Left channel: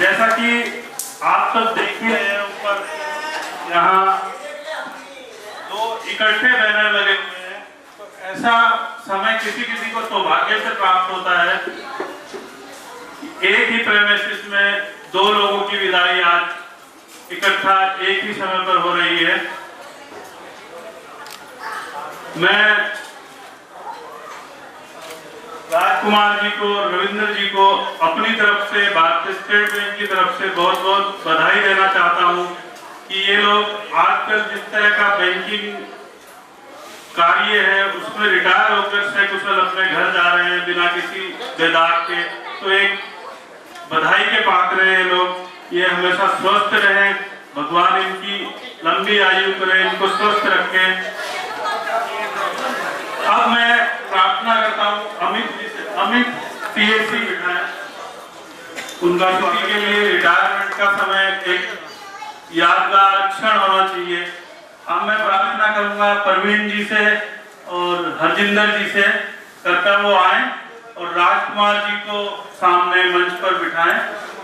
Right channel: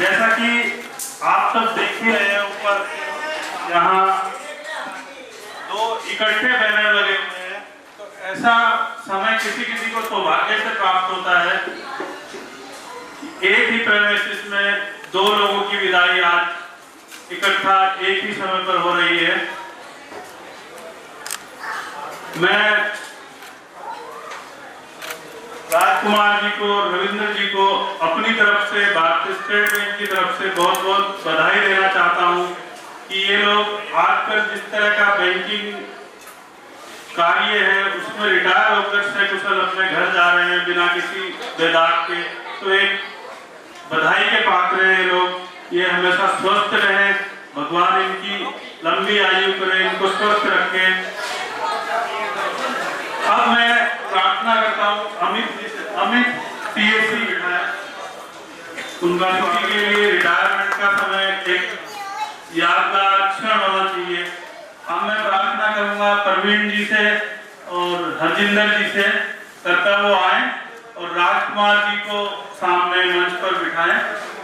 जैसा कि आप सब देख ही रहे हैं, ऊपर यहाँ दो इकट्ठे बैनर लगे हुए हैं। तो ऐसा समय किसी किसी को सौभाग्य से प्राप्त होता है, एक ही प्रेमिसेस में दो लोगों की विदाई आज इकट्ठा एक ही समय पर हो रही है। मैं राजकुमार जी को, रविंद्र जी को अपनी तरफ से, भारतीय स्टेट बैंक की तरफ से बहुत बहुत बधाई देना चाहता हूं कि ये लोग आजकल जिस तरह का बैंकिंग कार्य है उसमें रिटायर होकर सकुशल अपने घर जा रहे हैं बिना किसी बेदाग के। तो एक बधाई के पात्र हैं ये लोग। ये हमेशा स्वस्थ रहें, भगवान इनकी लंबी आयु करें, इनको स्वस्थ रखें। अब मैं प्रार्थना करता हूँ अमित जी से, अमित पीएससी विधायक, उनका किसी के लिए रिटायरमेंट का समय एक यादगार क्षण होना चाहिए। अब मैं प्रार्थना करूंगा प्रवीण जी से और हरजिंदर जी से, करता वो आए और राजकुमार जी को सामने मंच पर बिठाएं,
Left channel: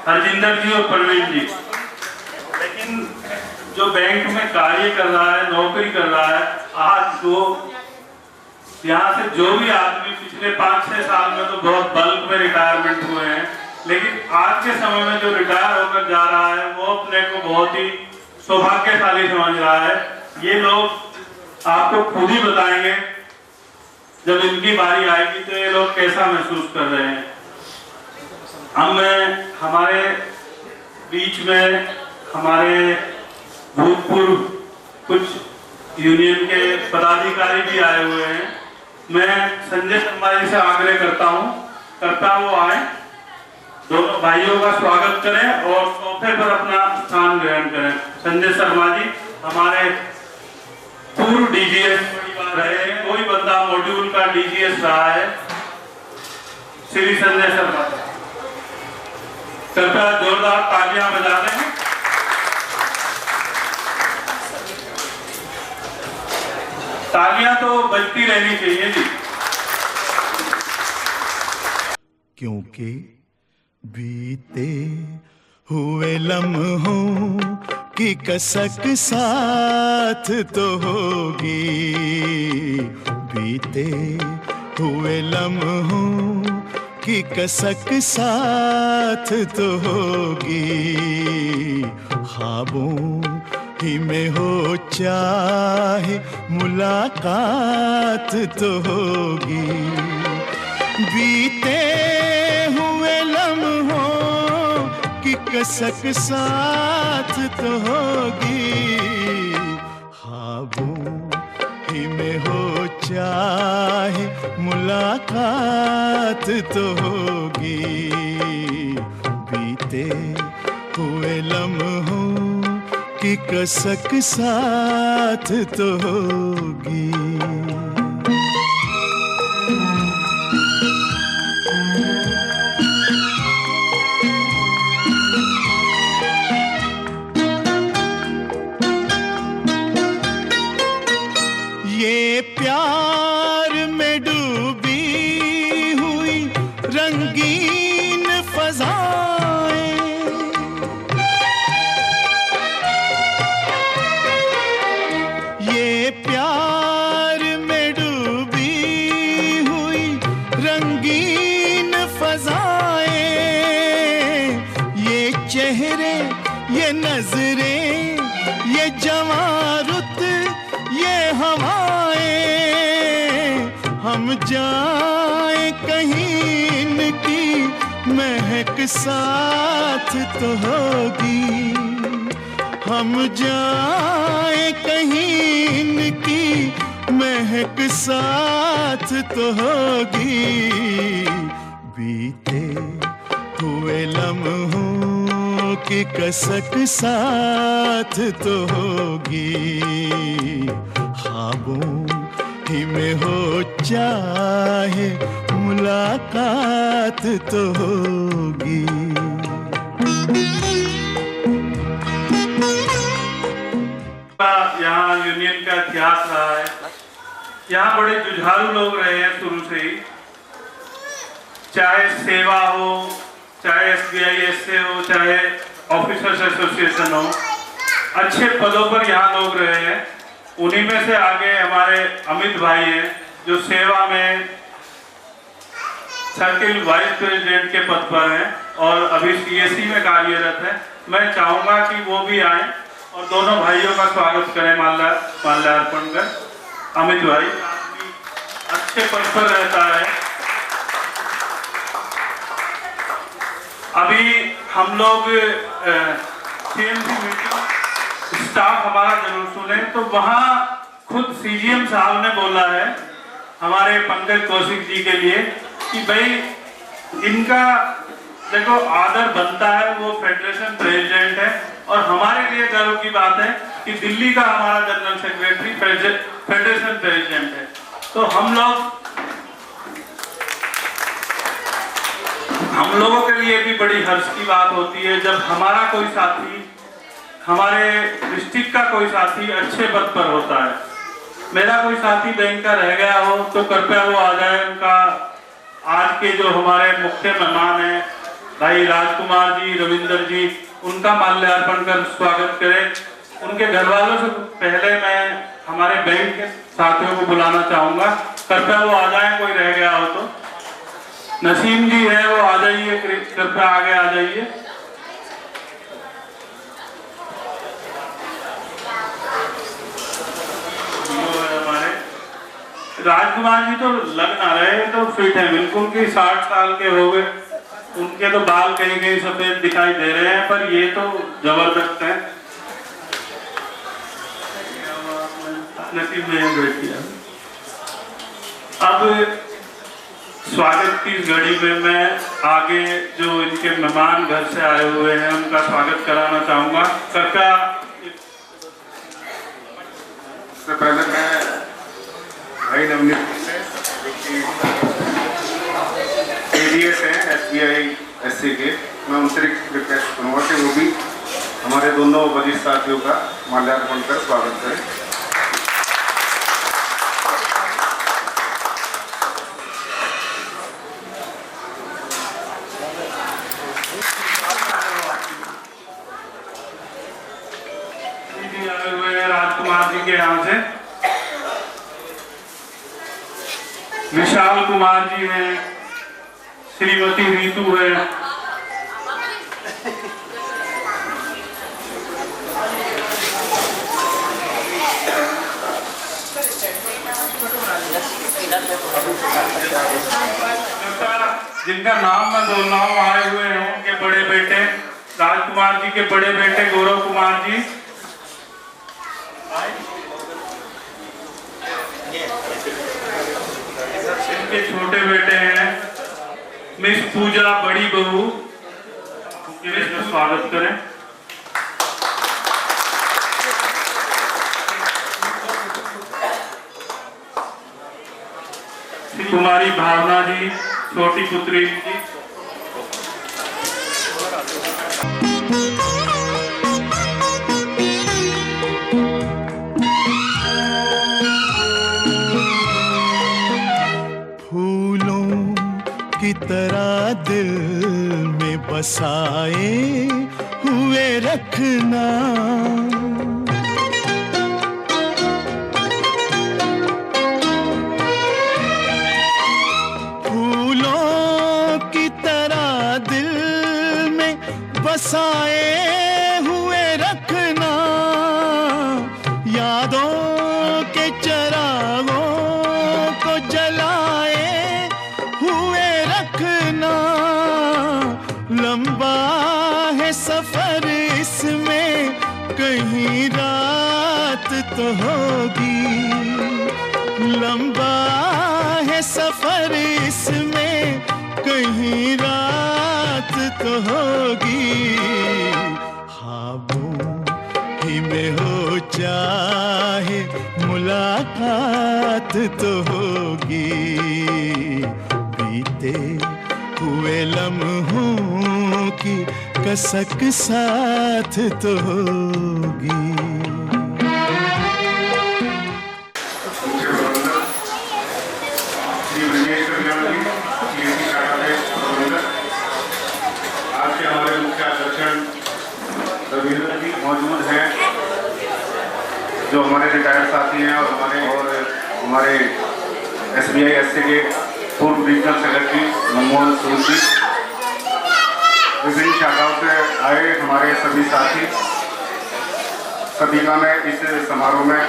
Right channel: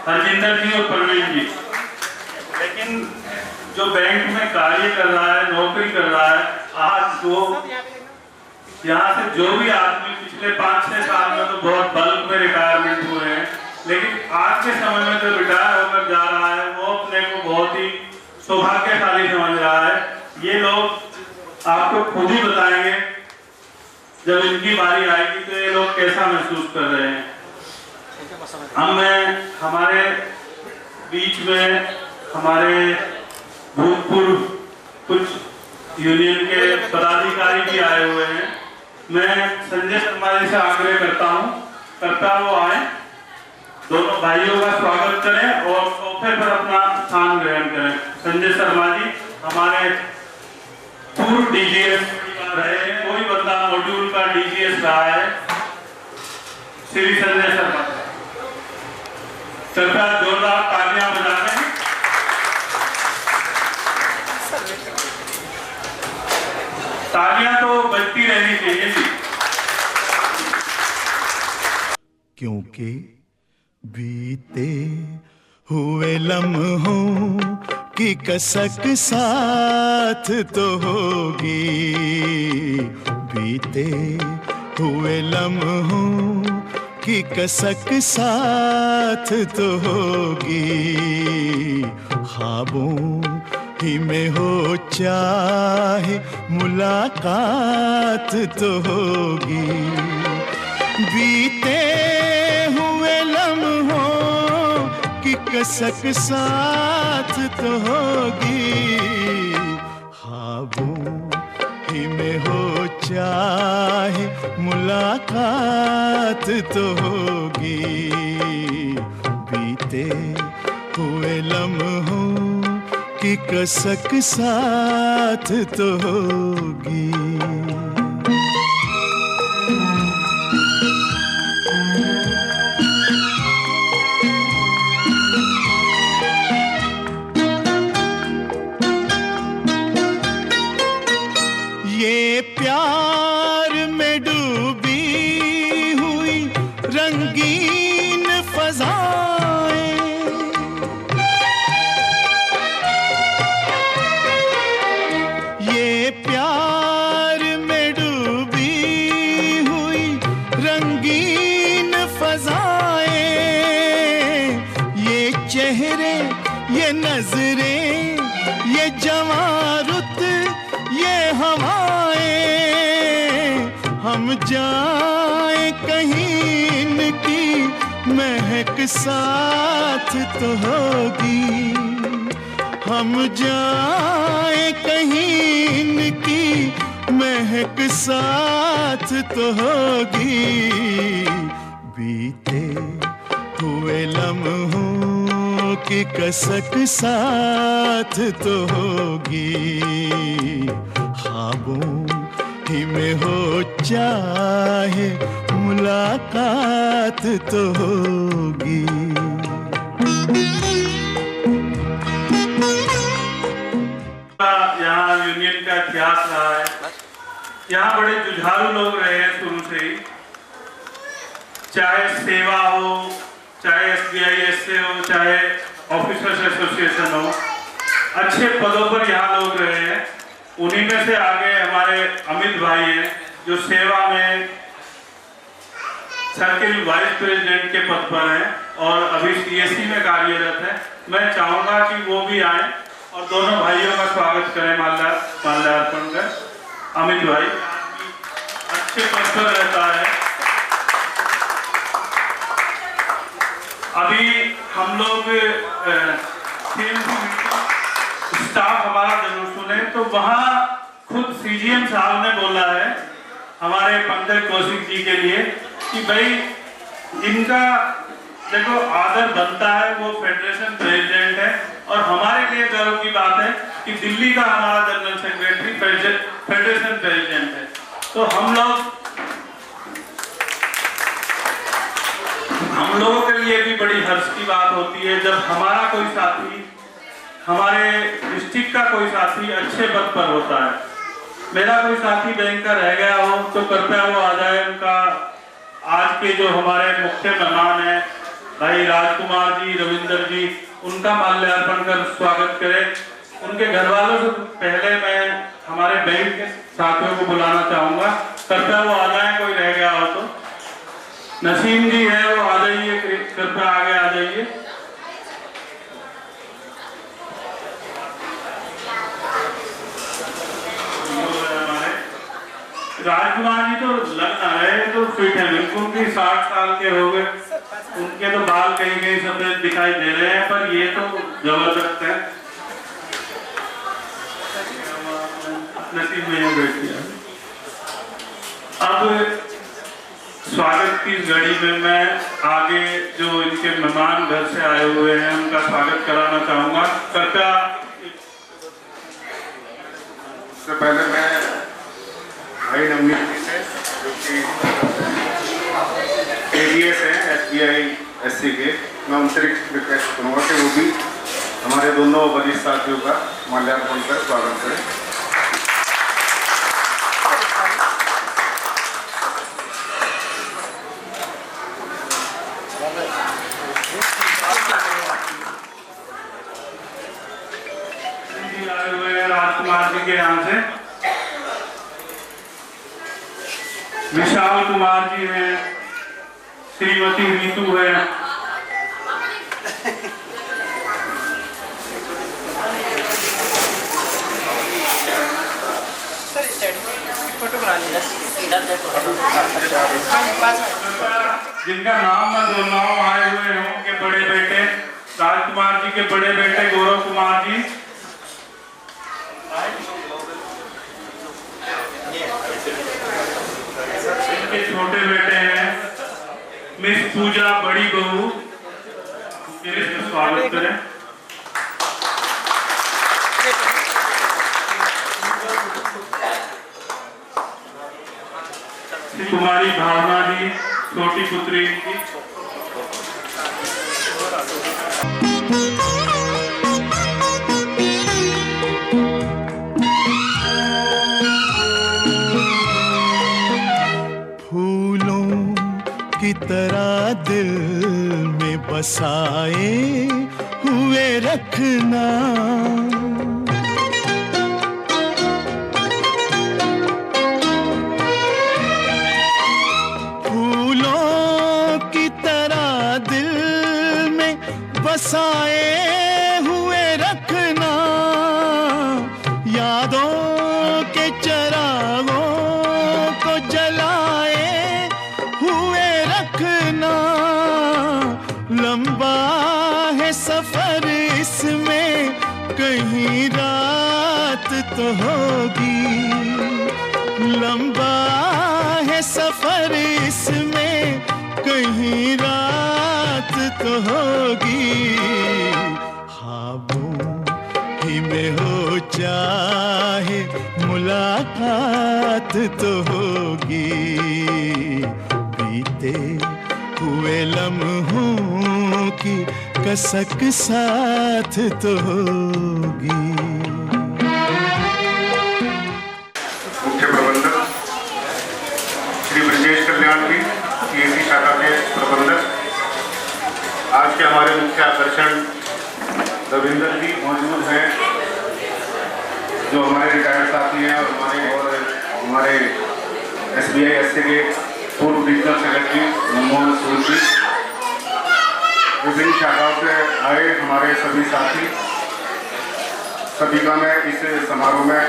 हरजिंदर जी और प्रवीण जी। लेकिन जो बैंक में कार्य कर रहा है, नौकरी कर रहा है, आज दो यहाँ से जो भी आदमी पिछले 5-6 साल में तो बहुत बल्क में रिटायरमेंट हुए हैं, लेकिन आज के समय में जो रिटायर होकर जा रहा है वो अपने को बहुत ही सौभाग्यशाली समझ रहा है। ये लोग आपको खुद ही बताएंगे जब इनकी बारी आएगी तो ये लोग कैसा महसूस कर रहे हैं। मैं हमारे बीच में हमारे भूतपूर्व कुछ यूनियन के पदाधिकारी भी आए हुए हैं। मैं संजय शर्मा जी से आग्रह करता वो आए, दोनों भाइयों का स्वागत करें और सोफे पर अपना स्थान ग्रहण करें। संजय शर्मा जी हमारे पूर्व डीजीएस रहे, कोई बंदा मॉड्यूल का डीजीएस रहा है, श्री संजय शर्मा। कृपया जोरदार तालियां बजा दें। तालियां तो बजती रहनी चाहिए जी, क्योंकि बीते हुए लम्हों की कसक साथ तो होगी, बीते हुए लम्हों की कसक साथ तो होगी, ख्वाबों ही में हो चाहे मुलाकात तो होगी, बीते हुए लम्हों की कसक साथ तो होगी, ख्वाबों ही में हो चाहे मुलाकात तो होगी, बीते हुए लम्हों की कसक साथ तो होगी। ये प्यार में डूबी हुई रंगीन फज़ाएं, ये प्यार में डूबी हुई रंगीन फज़ाएं, ये चेहरे, ये नजरें, ये जवां रुत, ये हवाएं, हम जाएं कहीं इनकी महक साथ तो होगी, हम जाएं कहीं इनकी महक साथ तो होगी, बीते हुए लम्हों की कसक साथ तो होगी, ख्वाबों ही में हो चाहे मुलाकात तो होगी। यहाँ यूनियन का इतिहास रहा है, यहाँ बड़े जुझारू लोग रहे हैं शुरू से ही, चाहे सेवा हो, चाहे SBI से हो, चाहे ऑफिसर्स एसोसिएशन हो, अच्छे पदों पर यहाँ लोग रहे हैं। उन्हीं में से आगे हमारे अमित भाई हैं जो सेवा में सर्किल वाइस प्रेसिडेंट के पद पर हैं और अभी CSC में कार्यरत है। मैं चाहूँगा कि वो भी आए और दोनों भाइयों का स्वागत करें माल्यार्पण कर। अमित भाई अच्छे पद पर रहता है। अभी हम लोग स्टाफ हमारा जरूर सुने तो वहाँ खुद CGM साहब ने बोला है हमारे पंकज कौशिक जी के लिए कि भाई इनका देखो आदर बनता है, वो फेडरेशन प्रेसिडेंट है और हमारे लिए गर्व की बात है कि दिल्ली का हमारा जनरल सेक्रेटरी फेडरेशन प्रेसिडेंट है। तो हम लोगों के लिए भी बड़ी हर्ष की बात होती है जब हमारा कोई साथी, हमारे डिस्ट्रिक्ट का कोई साथी अच्छे पद पर होता है। मेरा कोई साथी बैंक का रह गया हो तो कृपया वो आ जाए। उनका आज के जो हमारे मुख्य मेहमान हैं भाई राजकुमार जी, रविंदर जी, उनका माल्यार्पण कर स्वागत करें। उनके घर वालों से पहले मैं हमारे बैंक के साथियों को बुलाना चाहूंगा, कृपया वो आ जाए। कोई रह गया हो तो नसीम जी है, वो आ जाइए, कृपया आगे आ जाइए। राजकुमार जी तो लग ना रहे तो फिट है बिल्कुल, भी 60 साल के हो गए, उनके तो बाल कहीं कहीं सफेद दिखाई दे रहे हैं, पर ये तो जबरदस्त है। नसीब में बैठ गया। अब स्वागत की इस घड़ी में मैं आगे जो इनके मेहमान घर से आए हुए हैं उनका स्वागत कराना चाहूंगा। कृपया सबसे पहले मैं भाई नवनीत जी से, जो कि ADS हैं SBI SC के, मैं उनसे रिक्वेस्ट करूँगा कि वो भी हमारे दोनों वरिष्ठ साथियों का माल्यार्पण कर स्वागत करें। राजकुमार जी के यहाँ से विशाल कुमार जी हैं, श्रीमती रीतू है, जिनका नाम मैं बोल रहा हूँ आए हुए हैं उनके बड़े बेटे राजकुमार जी के बड़े बेटे गौरव कुमार जी, इनके छोटे बेटे हैं मिस पूजा बड़ी बहू, इसका स्वागत करें। श्री कुमारी भावना जी, छोटी पुत्री जी, की तरह दिल में बसाए हुए रखना, फूलों की तरह दिल में बसाए हुए रखना, यादों के चरागों को जलाए हुए रखना। लंबा है सफर इसमें कहीं रात तो होगी, लंबा है सफर इसमें कहीं रात तो होगी। ख्वाबों ही में हो चाहे मुलाकात तो होगी, बीते हुए लम्हों की कसक साथ तो होगी। मुख्य प्रबंधक श्री ब्रजेश कल्याण जी, CSC शाखा के प्रबंधक, हमारे मुख्य आकर्षण रविंद्र जी मौजूद हैं, जो हमारे रिटायर्ड साथी हैं और हमारे SBI SC के पूर्व रीजनल सेक्रेटरी मनमोहन सूद जी, विभिन्न शाखाओं से आए हमारे सभी साथी, सभी का मैं इस समारोह में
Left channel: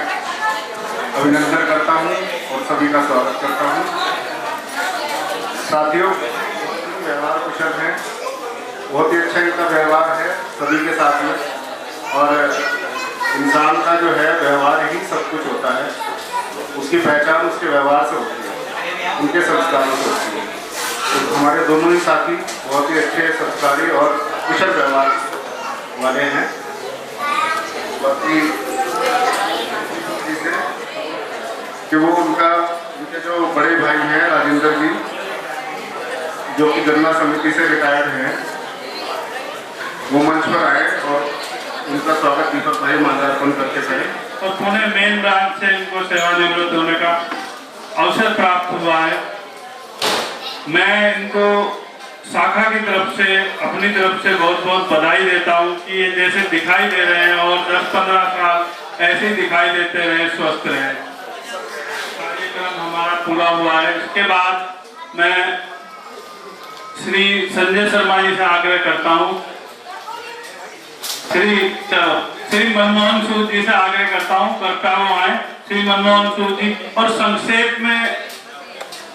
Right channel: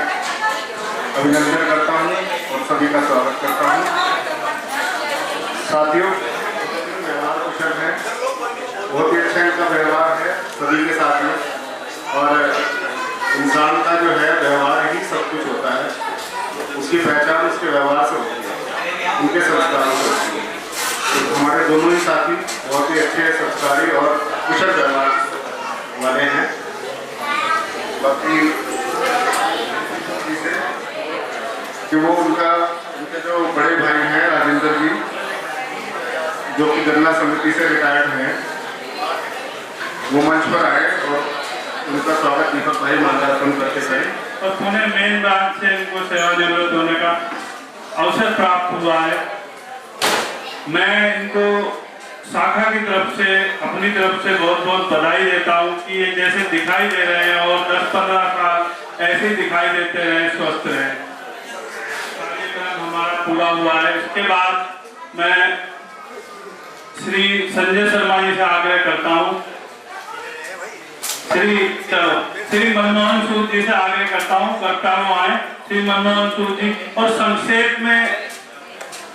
अभिनंदन करता हूं और सभी का स्वागत करता हूं। साथियों, व्यवहार कुशल है, बहुत ही अच्छा इनका व्यवहार है सभी के साथ में, और इंसान का जो है व्यवहार ही सब कुछ होता है, उसकी पहचान उसके व्यवहार से होती है, उनके संस्कारों से होती है। तो हमारे दोनों ही साथी बहुत ही अच्छे संस्कारी और कुशल व्यवहार वाले हैं। बाकी कि वो उनके जो बड़े भाई हैं राजेंद्र जी, जो कि गन्ना समिति से रिटायर्ड हैं, वो मंच पर आए और उनका स्वागत दीपक भाई माल्यार्पण करके करें। और पुणे मेन ब्रांच से इनको सेवानिवृत्त होने का अवसर प्राप्त हुआ है। मैं इनको शाखा की तरफ से, अपनी तरफ से बहुत बहुत बधाई देता हूँ कि ये जैसे दिखाई दे रहे हैं और 10-15 साल ऐसे ही दिखाई देते रहे, स्वस्थ रहे। कार्यक्रम हमारा पूरा हुआ है। इसके बाद मैं श्री संजय शर्मा जी से आग्रह करता हूँ, श्री मनमोहन सूद जी से आग्रह करता हूँ, करता हूँ आए श्री मनमोहन सूद जी, और संक्षेप में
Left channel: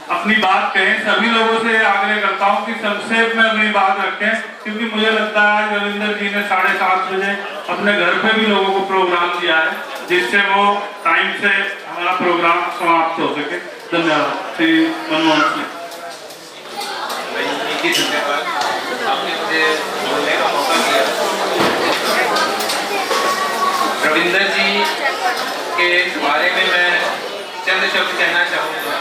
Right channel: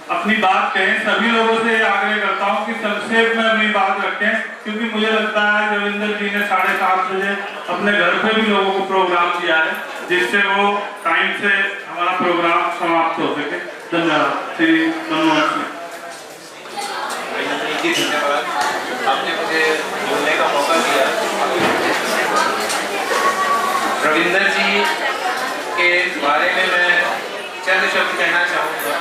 अपनी बात कहें। सभी लोगों से आग्रह करता हूं कि संक्षेप में अपनी बात रखें, क्योंकि मुझे लगता है रविंद्र जी ने 7:30 बजे अपने घर पे भी लोगों को प्रोग्राम दिया है, जिससे वो टाइम से हमारा प्रोग्राम समाप्त हो सके। धन्यवाद। श्री मनमोहन सिंह। धन्यवाद, आपने मुझे बोलने का मौका दिया। रविंद्र जी के बारे में मैं चंद शब्द कहना चाहूँगा।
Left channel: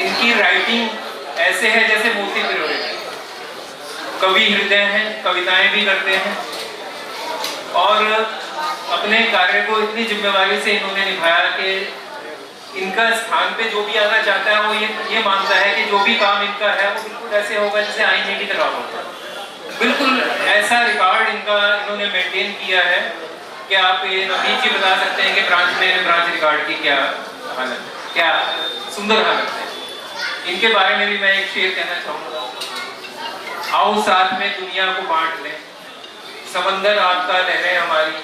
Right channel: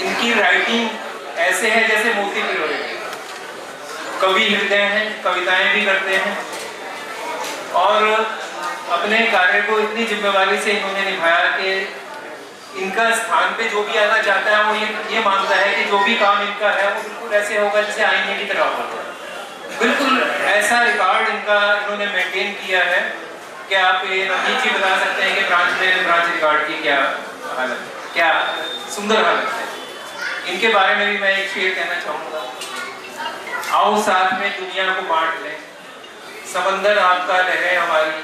इनकी राइटिंग ऐसे है जैसे मोती पिरोए, कवि हृदय हैं, कविताएं भी करते हैं, और अपने कार्य को इतनी जिम्मेवारी से इन्होंने निभाया कि इनका स्थान पे जो भी आना चाहता है वो ये मानता है कि जो भी काम इनका है वो बिल्कुल ऐसे होगा जैसे आईने की तरह होगा। बिल्कुल ऐसा रिकॉर्ड इन्होंने मेंटेन किया है कि आप ये नवनीत जी बता सकते हैं कि ब्रांच रिकॉर्ड की क्या हालत है, क्या सुंदर हालत है। इनके बारे में भी मैं एक शेर कहना चाहूँगा। आओ साथ में दुनिया को बांट लें, समंदर आपका, लहरें हमारी,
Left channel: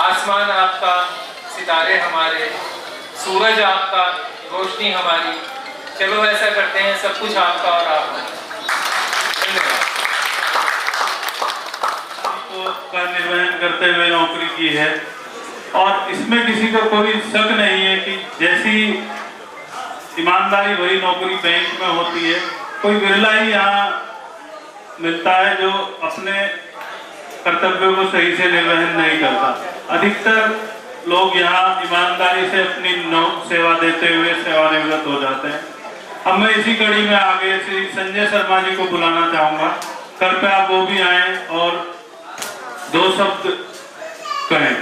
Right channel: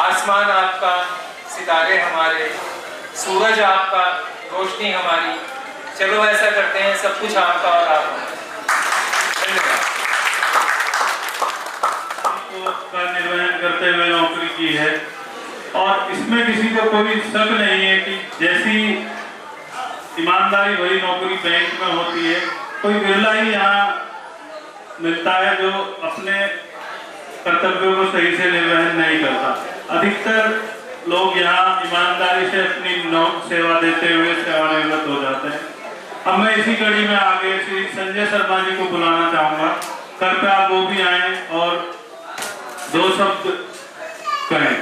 आसमान आपका, सितारे हमारे, सूरज आपका, रोशनी हमारी, चलो ऐसा करते हैं सब कुछ आपका और आप। धन्यवाद। का निर्वहन करते हुए नौकरी की है, और इसमें किसी को कोई शक नहीं है कि जैसी ईमानदारी भरी नौकरी बैंक में होती है, कोई बिरला ही यहाँ मिलता है जो अपने कर्तव्यों को सही से निर्वहन नहीं करता। अधिकतर लोग यहाँ ईमानदारी से अपनी सेवा देते हुए सेवानिवृत्त हो जाते हैं। अब मैं इसी कड़ी में आगे श्री संजय शर्मा जी को बुलाना चाहूँगा, कृपया आप वो भी आए और 2 शब्द कहें।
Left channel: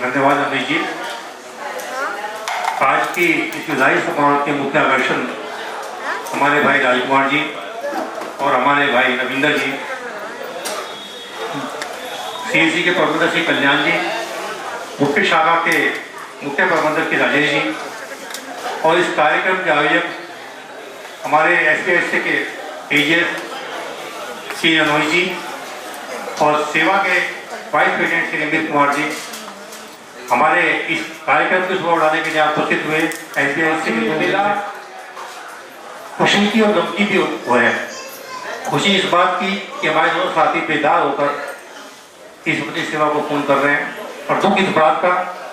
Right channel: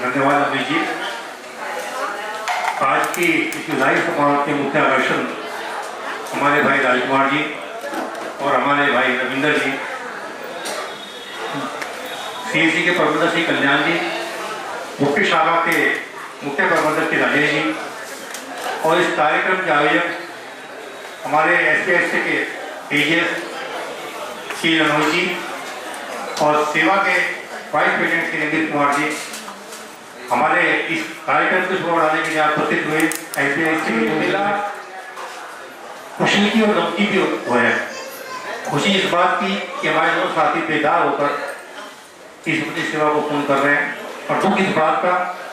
धन्यवाद अमित जी। आज की इस विधायी सभा के मुख्य आकर्षण हमारे भाई राजकुमार जी और हमारे भाई रविंद्र जी, CSC के प्रबंधक श्री कल्याण जी, मुख्य शाखा के मुख्य प्रबंधक श्री राजेश जी, और इस कार्यक्रम के आयोजक हमारे SPSC के AGS श्री अनोज जी, और सेवा के वाइस प्रेसिडेंट श्री अमित कुमार जी। हमारे इस कार्यक्रम को शुभ बढ़ाने के लिए उपस्थित हुए SPSC के मेला खुशी की और गम की भी हुआ है। खुशी इस बात की कि हमारे दोनों साथी बेदार होकर इस अपनी सेवा को पूर्ण कर रहे हैं, और दुख इस बात का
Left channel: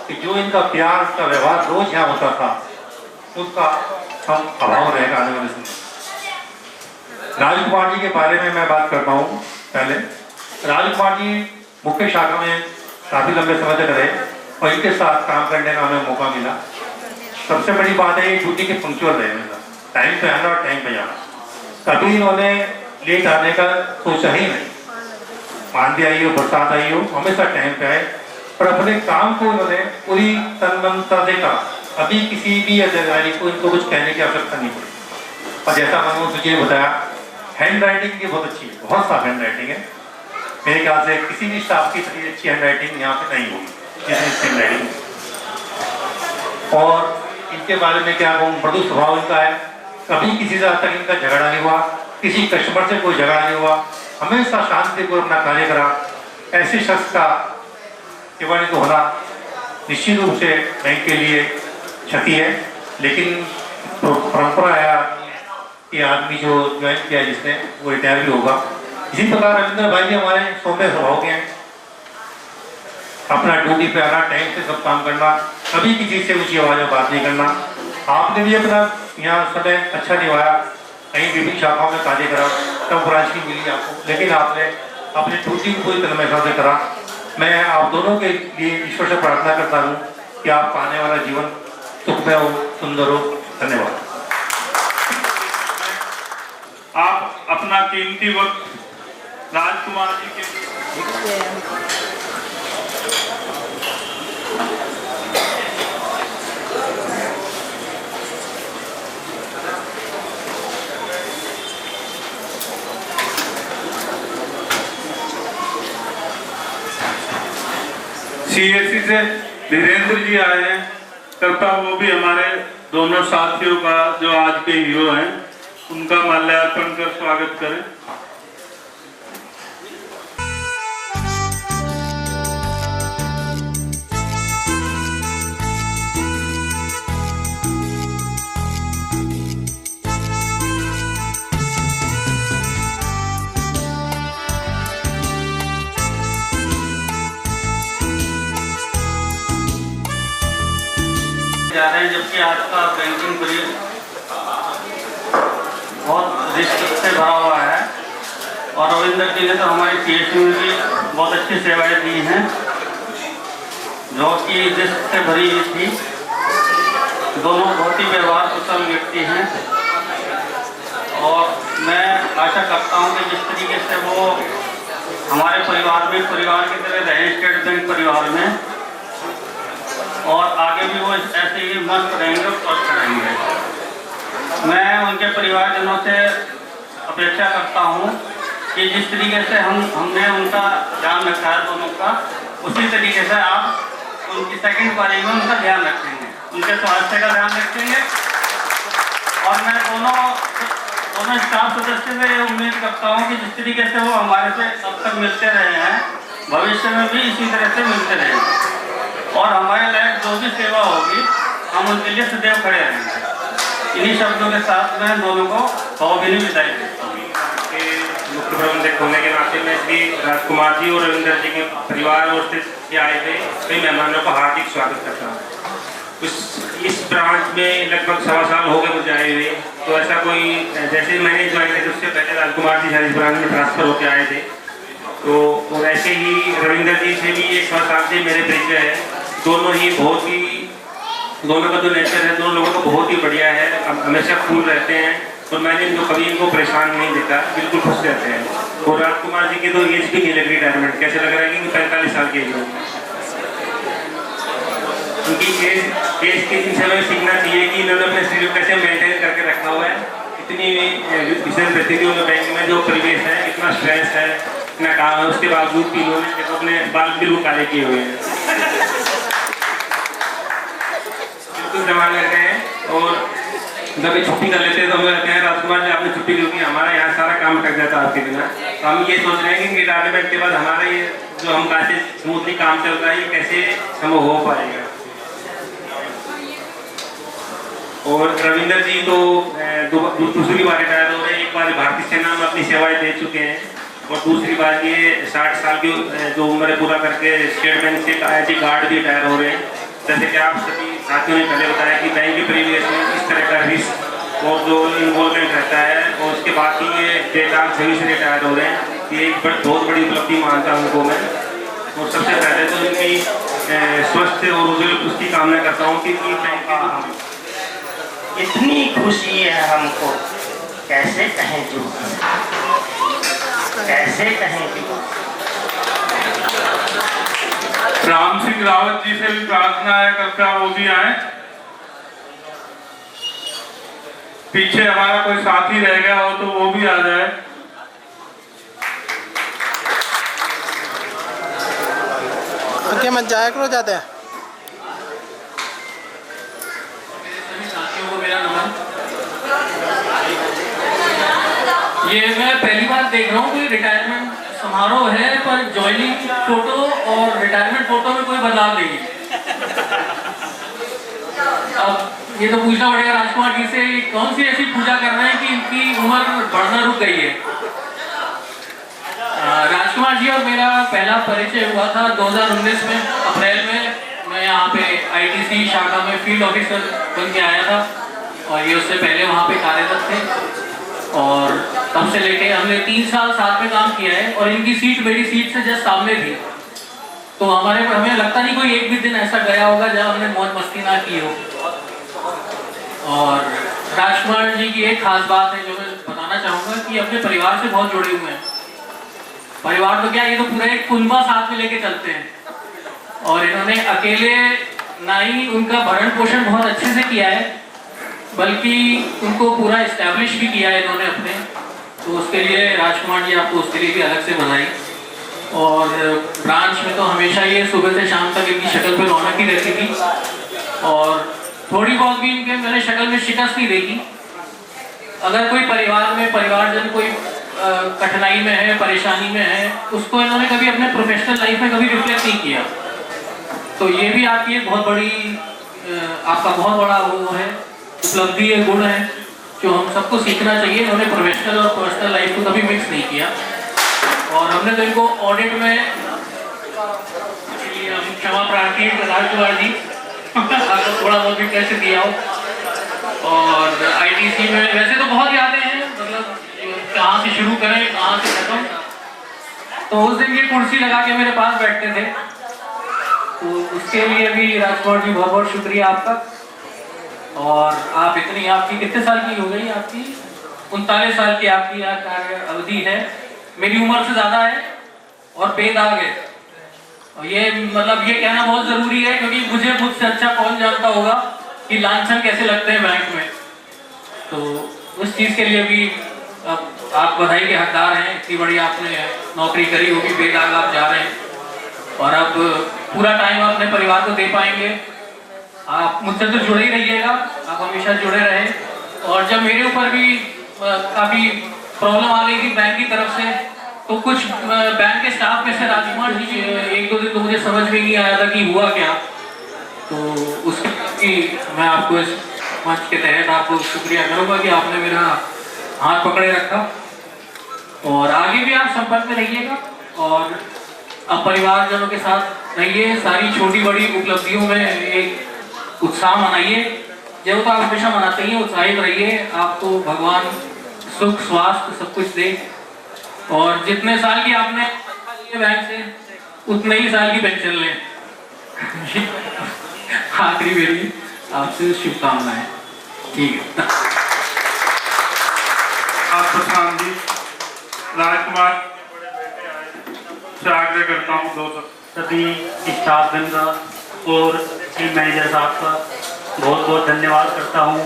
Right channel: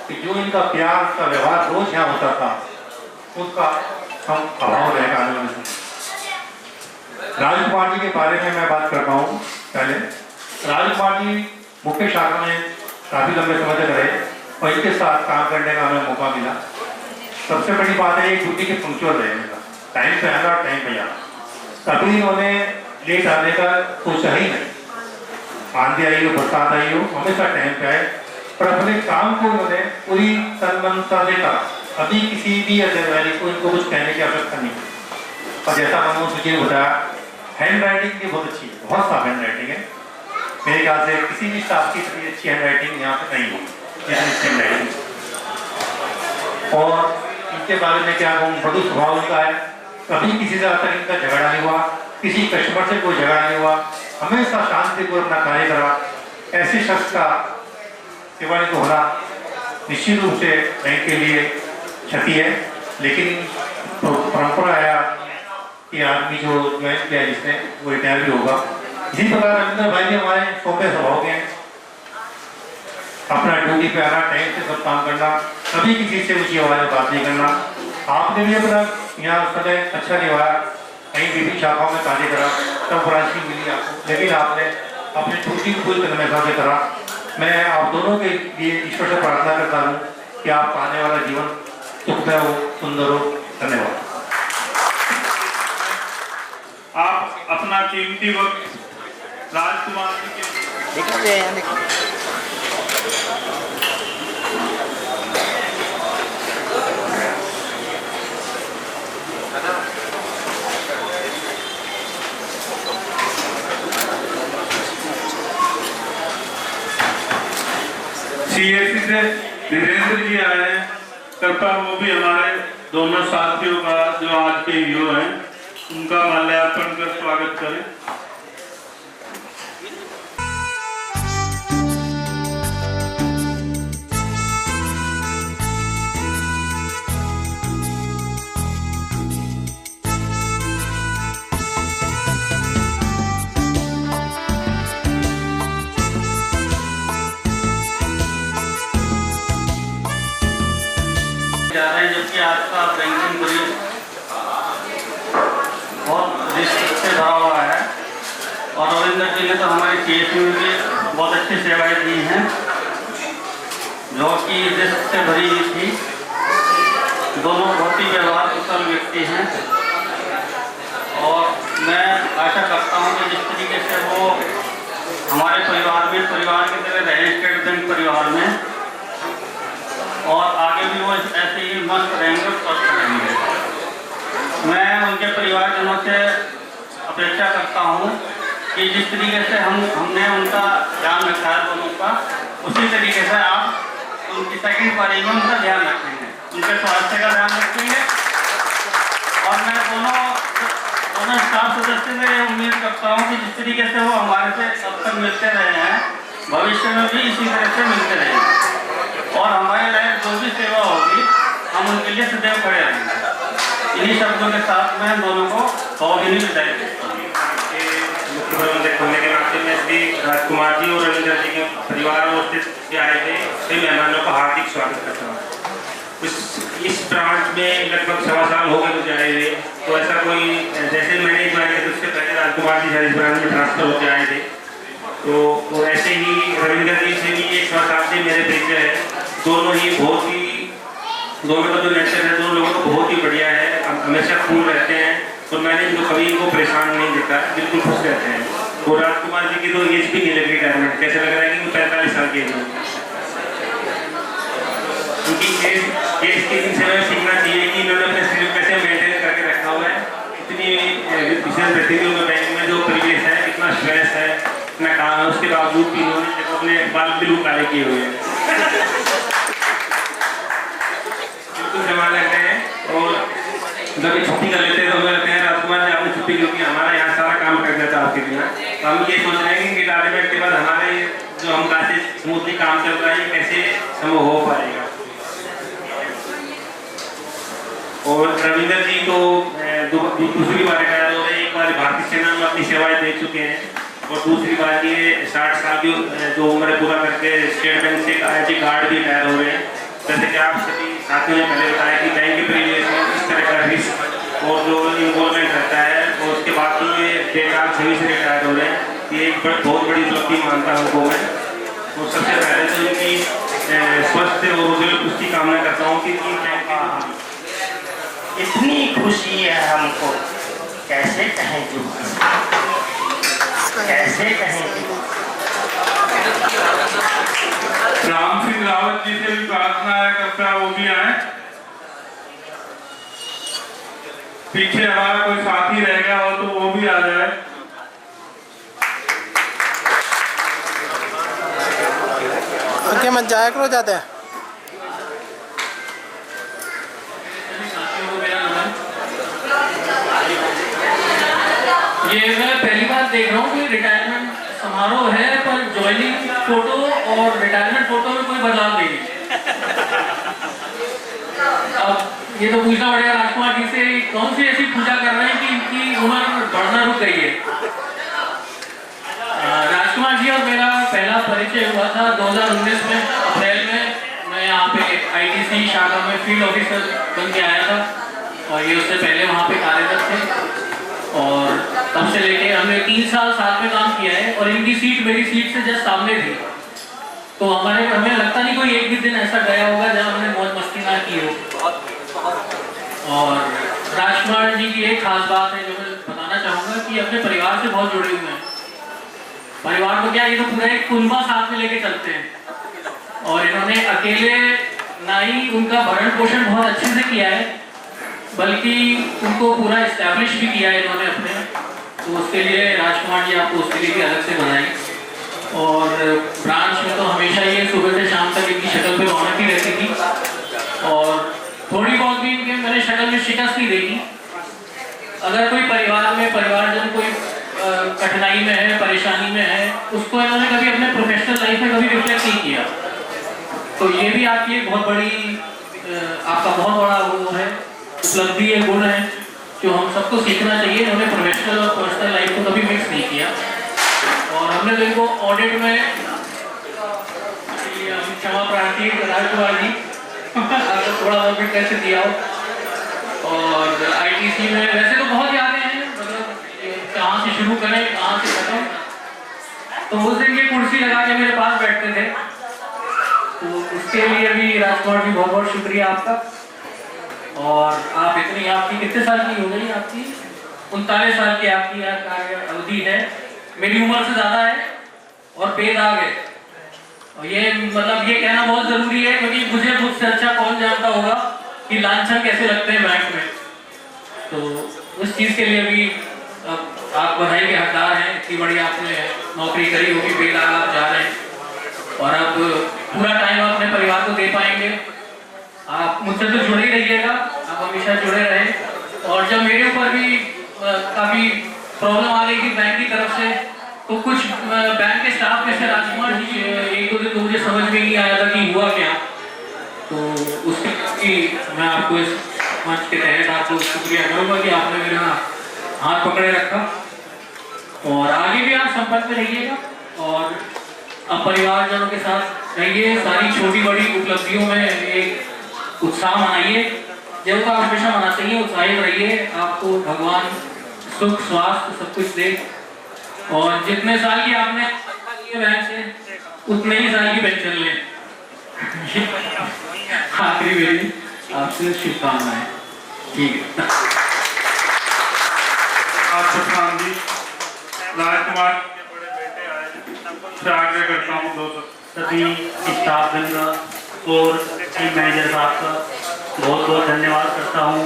कि जो इनका प्यार, का व्यवहार रोज यहाँ होता था, उसका हम अभाव रहेगा आने वाले समय। राजकुमार जी के बारे में मैं बात करता हूँ। पहले राजकुमार जी मुख्य शाखा में काफी लंबे समय तक रहे और इनके साथ काम करने का हमें मौका मिला। सबसे बड़ी बात है ये ड्यूटी के पंक्चुअल रहने का, टाइम पे आना और टाइम पे जाना। कभी इन्होंने लेट आने का सोचा ही नहीं, आंधी आई हो, बरसात आई हो, हमेशा टाइम पे आए, और अपने काम को उन्होंने पूरी तन्मयता से करा अभी किसी भी अधिकारी को इनको कुछ कहने की आवश्यकता नहीं है। और जैसा मनमोहन जी ने बताया, हैंड राइटिंग की बहुत अच्छी है, बहुत साफ हैंड राइटिंग है। मेरे ख्याल से किसी भी स्टाफ की इतनी अच्छी हैंड राइटिंग यहाँ पे नहीं होगी जितनी हैंड राइटिंग। और इनके बारे में क्या कहूँ, मृदु स्वभाव इनका है, कभी किसी से आज तक इनका झगड़ा नहीं हुआ, किसी कस्टमर से कोई झगड़ा नहीं हुआ, हमेशा शांतिपूर्वक अपना कार्य करा। ऐसे शख्स का सेवानिवृत्त होना निश्चित रूप से बैंक के लिए क्षति है, लेकिन परंपरा है कि आदमी जो ज्वाइन किया जिसने वो रिटायर भी होगा। इसी प्रकार रविंद्र भाई हमारे सौम्य स्वभाव के हैं, अपना ड्यूटी पे आना, टाइम से सब काम करना, कभी किसी से ऊंची आवाज में बात नहीं करना। आपने भी अपना यहाँ समय अच्छा निभाया, कहीं विभिन्न शाखाओं में कार्य करा, तब राशि मिली आपको, लेकिन आपने अपनी ड्यूटी को पूरी तन्मयता से करा। मैं आप दोनों के लिए ईश्वर से प्रार्थना करता हूँ कि आपका आने वाला जीवन सुखमय हो, सुंदर हो। धन्यवाद। आप अपना कीमती वक्त राजकुमार जी के CSC से धीरेन्द्र जी आए हैं, तब तक वो भी हमारे दोनों साथियों का जो आज के हीरो हैं उनका माल्यार्पण कर स्वागत करें। जा रहे हैं, जबकि आज का बैंकिंग करियर बहुत रिस्क से भरा हुआ है। और रविंद्र जी ने तो हमारी CSC में भी बहुत अच्छी सेवाएं दी हैं, जो कि रिस्क से भरी थी। दोनों बहुत ही व्यवहार कुशल व्यक्ति हैं, और मैं आशा करता हूं कि जिस तरीके से वो हमारे परिवार की तरह रहे, स्टेट बैंक परिवार में, और आगे भी वो ऐसे ही मस्त रहेंगे, स्वस्थ रहेंगे। मैं उनके परिवारजनों से अपेक्षा करता हूँ कि जिस तरीके से हमने उनका ध्यान रखा है दोनों का, उसी तरीके से आप उनकी सेकंड पारी में उनका ध्यान रखेंगे, उनके स्वास्थ्य का ध्यान रखेंगे। और मैं दोनों स्टाफ सदस्य से उम्मीद करता हूँ कि जिस तरीके से वो हमारे से अब तक मिलते रहे हैं, भविष्य में भी इसी तरह से मिलते रहेंगे, और हमारे लायक जो भी सेवा होगी हम उनके लिए सदैव खड़े रहेंगे। इन्हीं शब्दों के साथ मैं दोनों को भावभीनी विदाई देता हूँ। मुख्य प्रबंधक होने के नाते में श्री राजकुमार जी और रविंद्र जी के परिवार और से आए थे कई मेहमानों का हार्दिक स्वागत करता हूँ। इस ब्रांच में लगभग 1.25 साल हो गए मुझे आए हुए, तो ऐसा कोई जैसे मैंने ज्वाइन किया उससे पहले राजकुमार जी इस ब्रांच में ट्रांसफर होकर आए थे, तो ऐसे ही रविंद्र जी से भी 1 साल से मेरे परिचय है। दोनों का जो नेचर है दोनों लोगों को बहुत ही बढ़िया है, हमेशा कूल रहते हैं, और मैंने इनको कभी इनको परेशान नहीं देता, बिल्कुल खुश रहते हैं। और राजकुमार जी की तो एज भी नहीं लग रही रिटायरमेंट, कैसे लग रहा है कि वो 45 साल के एज में, क्योंकि एज के दिन समय सीखना चाहिए कि इन्होंने अपने शरीर को कैसे मेंटेन करके रखा हुआ है। इतनी विषय परिस्थितियों में बैंक में जो परिवेश है, इतना स्ट्रेस है, इतना काम है, उसके बावजूद भी इन्होंने अपने बाल बिल्कुल कार्य किए हुए हैं, बिल्कुल जमा लेते हैं। और कभी छुट्टी कर लेते हैं तो हमें कहते हैं राजकुमार जी आपने छुट्टी क्योंकि हमारा यहाँ सारा काम कर जाता है आपके बिना। तो हम ये सोच रहे हैं कि रिटायरमेंट के बाद हमारा ये जो हम कैसे स्मूथली काम चल रहा है ये कैसे हम हो पाएगा। और रविंद्र जी तो दूसरी बार रिटायर हो रहे हैं, एक बार भारतीय सेना में अपनी सेवाएं दे चुके हैं, और दूसरी बार ये 60 साल की जो उम्र पूरा करके स्टेट बैंक से IIT गार्ड भी रिटायर हो रहे हैं। जैसे कि आप सभी साथियों ने पहले बताया कि बैंक के परिवेश में इस तरह का रिस्क और जो इन्वॉल्वमेंट रहता है, और उसके बाद ये बेकार सभी से रिटायर हो रहे हैं, ये एक बहुत बड़ी उपलब्धि मानता हूँ उनको मैं। और सबसे पहले तो इनकी स्वस्थ और उज्जवल उसकी कामना करता हूँ कि इतनी खुशी है हमको, कैसे कहें जो, कैसे कहें जो। राम सिंह रावत जी से भी प्रार्थना है, कृपया वो भी आए। पीछे हमारा कोई साथी रह गया हो तो वो भी आ जाए। आगे मत जाया करो जाते हैं। ये मैं पहली बार देख रहा हूँ कि रिटायरमेंट समारोह है पर ज्वाइनिंग फोटो और रिटायरमेंट फोटो में कोई बदलाव नहीं। अब ये तो पूछना पड़ेगा राजकुमार जी से, कौन सी ऐसी पूजा कर रहे हैं कि इनकी उम्र बढ़ना रुक गई है। राजकुमार जी और मेरा पहला परिचय हुआ था 2019 में अप्रैल में। मैं यहाँ पे आईटीसी शाखा में फील्ड ऑफिसर बन के आया था और ये उससे पहले वहाँ पे कार्यरत थे और तब से लेके हमने 3 साल साथ में काम किया है और इनकी सीट मेरी सीट से जस्ट सामने थी। तो हमें लगता नहीं कोई एक भी दिन ऐसा गया होगा जहाँ हमने मौज मस्ती ना की हो। और राजकुमार जी की एक खास बात है जो मैं बताना चाहूँगा कि अपने परिवार से बहुत जुड़े हुए हैं। परिवार तो क्या, ये तो पूरा एक कुनबा साथ में लेके चलते हैं और इन्होंने अकेले ना ही उनका भरण पोषण बहुत अच्छे से किया है बल्कि उनको पूरा इस्टेब्लिश भी किया है इन्होंने अपने। तो उसके लिए राजकुमार जी आपको उसके लिए भी अलग से बधाई। और ब्रांच में तो हमेशा ये सुबह से शाम तक इनकी शक्ल पे रौनक ही रहती थी और थोड़ी बहुत भी इनके मैंने शक्ल में शिकस्त नहीं देखी। अगर कोई परिवार में परिवारजन कोई कठिनाई में है, परेशानी में है, उसको इन्होंने कभी अपने प्रोफेशनल लाइफ में कभी रिफ्लेक्ट नहीं किया। तो ये भी आपकी एक बहुत बड़ी आपका बहुत बड़ा वो है, उपलब्धि है, गुण है जो हम सबको सीखना चाहिए। इन्होंने प्रोफेशनल और पर्सनल लाइफ को कभी मिक्स नहीं किया और हमने तो इनको ऑडिट में क्षमा प्रार्थी राजकुमार जी आपको थोड़ा बहुत भी कैसे दिया हो। और आईटीसी में वैसे तो बहुत यादें हैं, मतलब कहाँ से शुरू करें कहाँ से खत्म। तो उस दिन ये कुर्सी लगा के मेरे पास बैठते थे, तो उसके लिए भी राजकुमार जी बहुत बहुत शुक्रिया आपका। और आप इतनी, आपकी कितने साल की हो गई? आपकी 39 साल की आपकी कार्य अवधि है। मेरी उम्र से ज़्यादा है और बेदाग है। और ये मतलब ये कहना बहुत ज़रूरी है क्योंकि मुझे मुझसे अच्छा कौन जानता होगा कि लांछन कैसे लगते हैं बैंक में। तो उस चीज़ के लिए भी आप बधाई के हकदार हैं। इतनी बड़ी आपने नौकरी करी होगी, बेदाग आप जा रहे हैं और अब पूरा टाइम अपने परिवार को दे पाएंगे। आप मुझसे तो जुड़े ही रहिएगा, आप हमेशा जुड़े रहे। और जब मेरे ऊपर भी काफ़ी प्रॉब्लम आ गई थी बैंक की तरफ से, तो कुछ बैंक के स्टाफ में से राजकुमार जी 1-2 दिन तो मुझे समझ में नहीं आया था कि हुआ क्या। तो उसके लिए मैं आपको इस मंच के तहत आपको शुक्रिया करूँगा कि आपने मेरा हाथ पकड़े रखा। और आगे भी आप संपर्क में रहिएगा और अब परिवारजनों के साथ रहिए। सारी छोटी बड़ी उपलब्धियों में एक उत्साह मनाइए, जो तो आप हमेशा मनाते ही उत्साहित रहिए। आपको भगवान सुख स्वास्थ्य सब कुछ दे और जितने साल की आपने लिए बैंक से उतने ही साल की पेंशन लें। आखिरी मेरी आपसे शुभकामनाएं। ठीक है। आप प्रधान जी राजकुमार के बड़े बेटे आए से आग्रह करता हूँ 2 सभी स्टाफगण का और टीम मैनेजर साहब का बहुत बहुत धन्यवाद करता हूँ।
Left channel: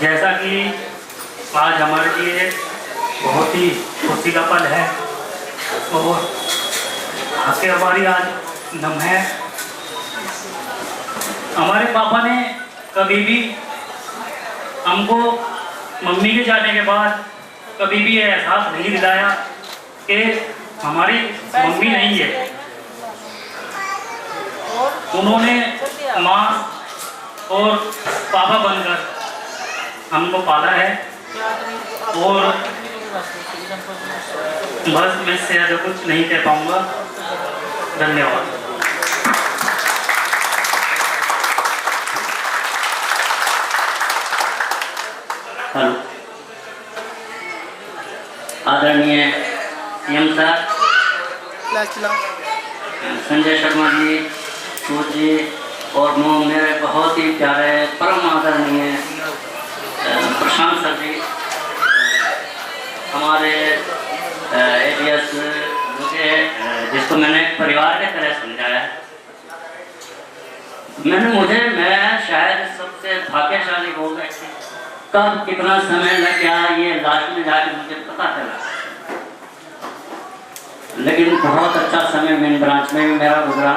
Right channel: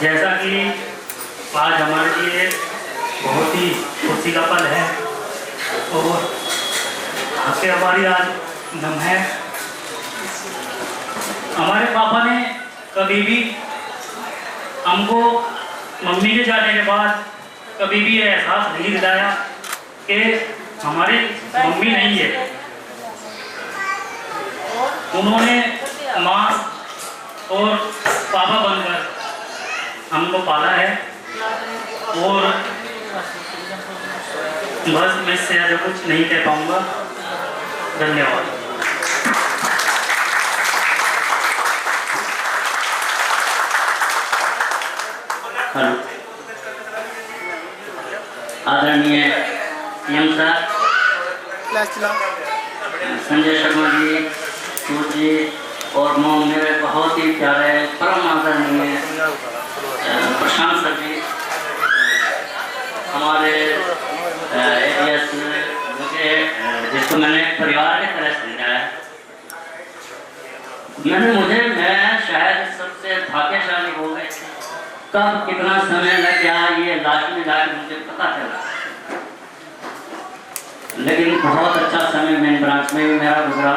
जैसा कि आज हमारे लिए बहुत ही खुशी का पल है और आंखें हमारी आज नम है। हमारे पापा ने कभी भी हमको मम्मी के जाने के बाद कभी भी ये एहसास नहीं दिलाया कि हमारी मम्मी नहीं है। उन्होंने माँ और पापा बनकर हमको पाला है और बस मैं इससे ज़्यादा कुछ नहीं कह पाऊँगा। धन्यवाद। हेलो, आदरणीय सीएम साहब, संजय शर्मा जी, सूर्य जी और मेरे बहुत ही प्यारे परम आदरणीय प्रशांत सर जी, हमारे एरियस मुझे जिसको मैंने परिवार की तरह समझाया है, मैं शायद सबसे भाग्यशाली हो गए कब कितना समय लग गया ये लास्ट में जाकर मुझे पता चला, लेकिन बहुत अच्छा समय मेन ब्रांच में मेरा गुजरा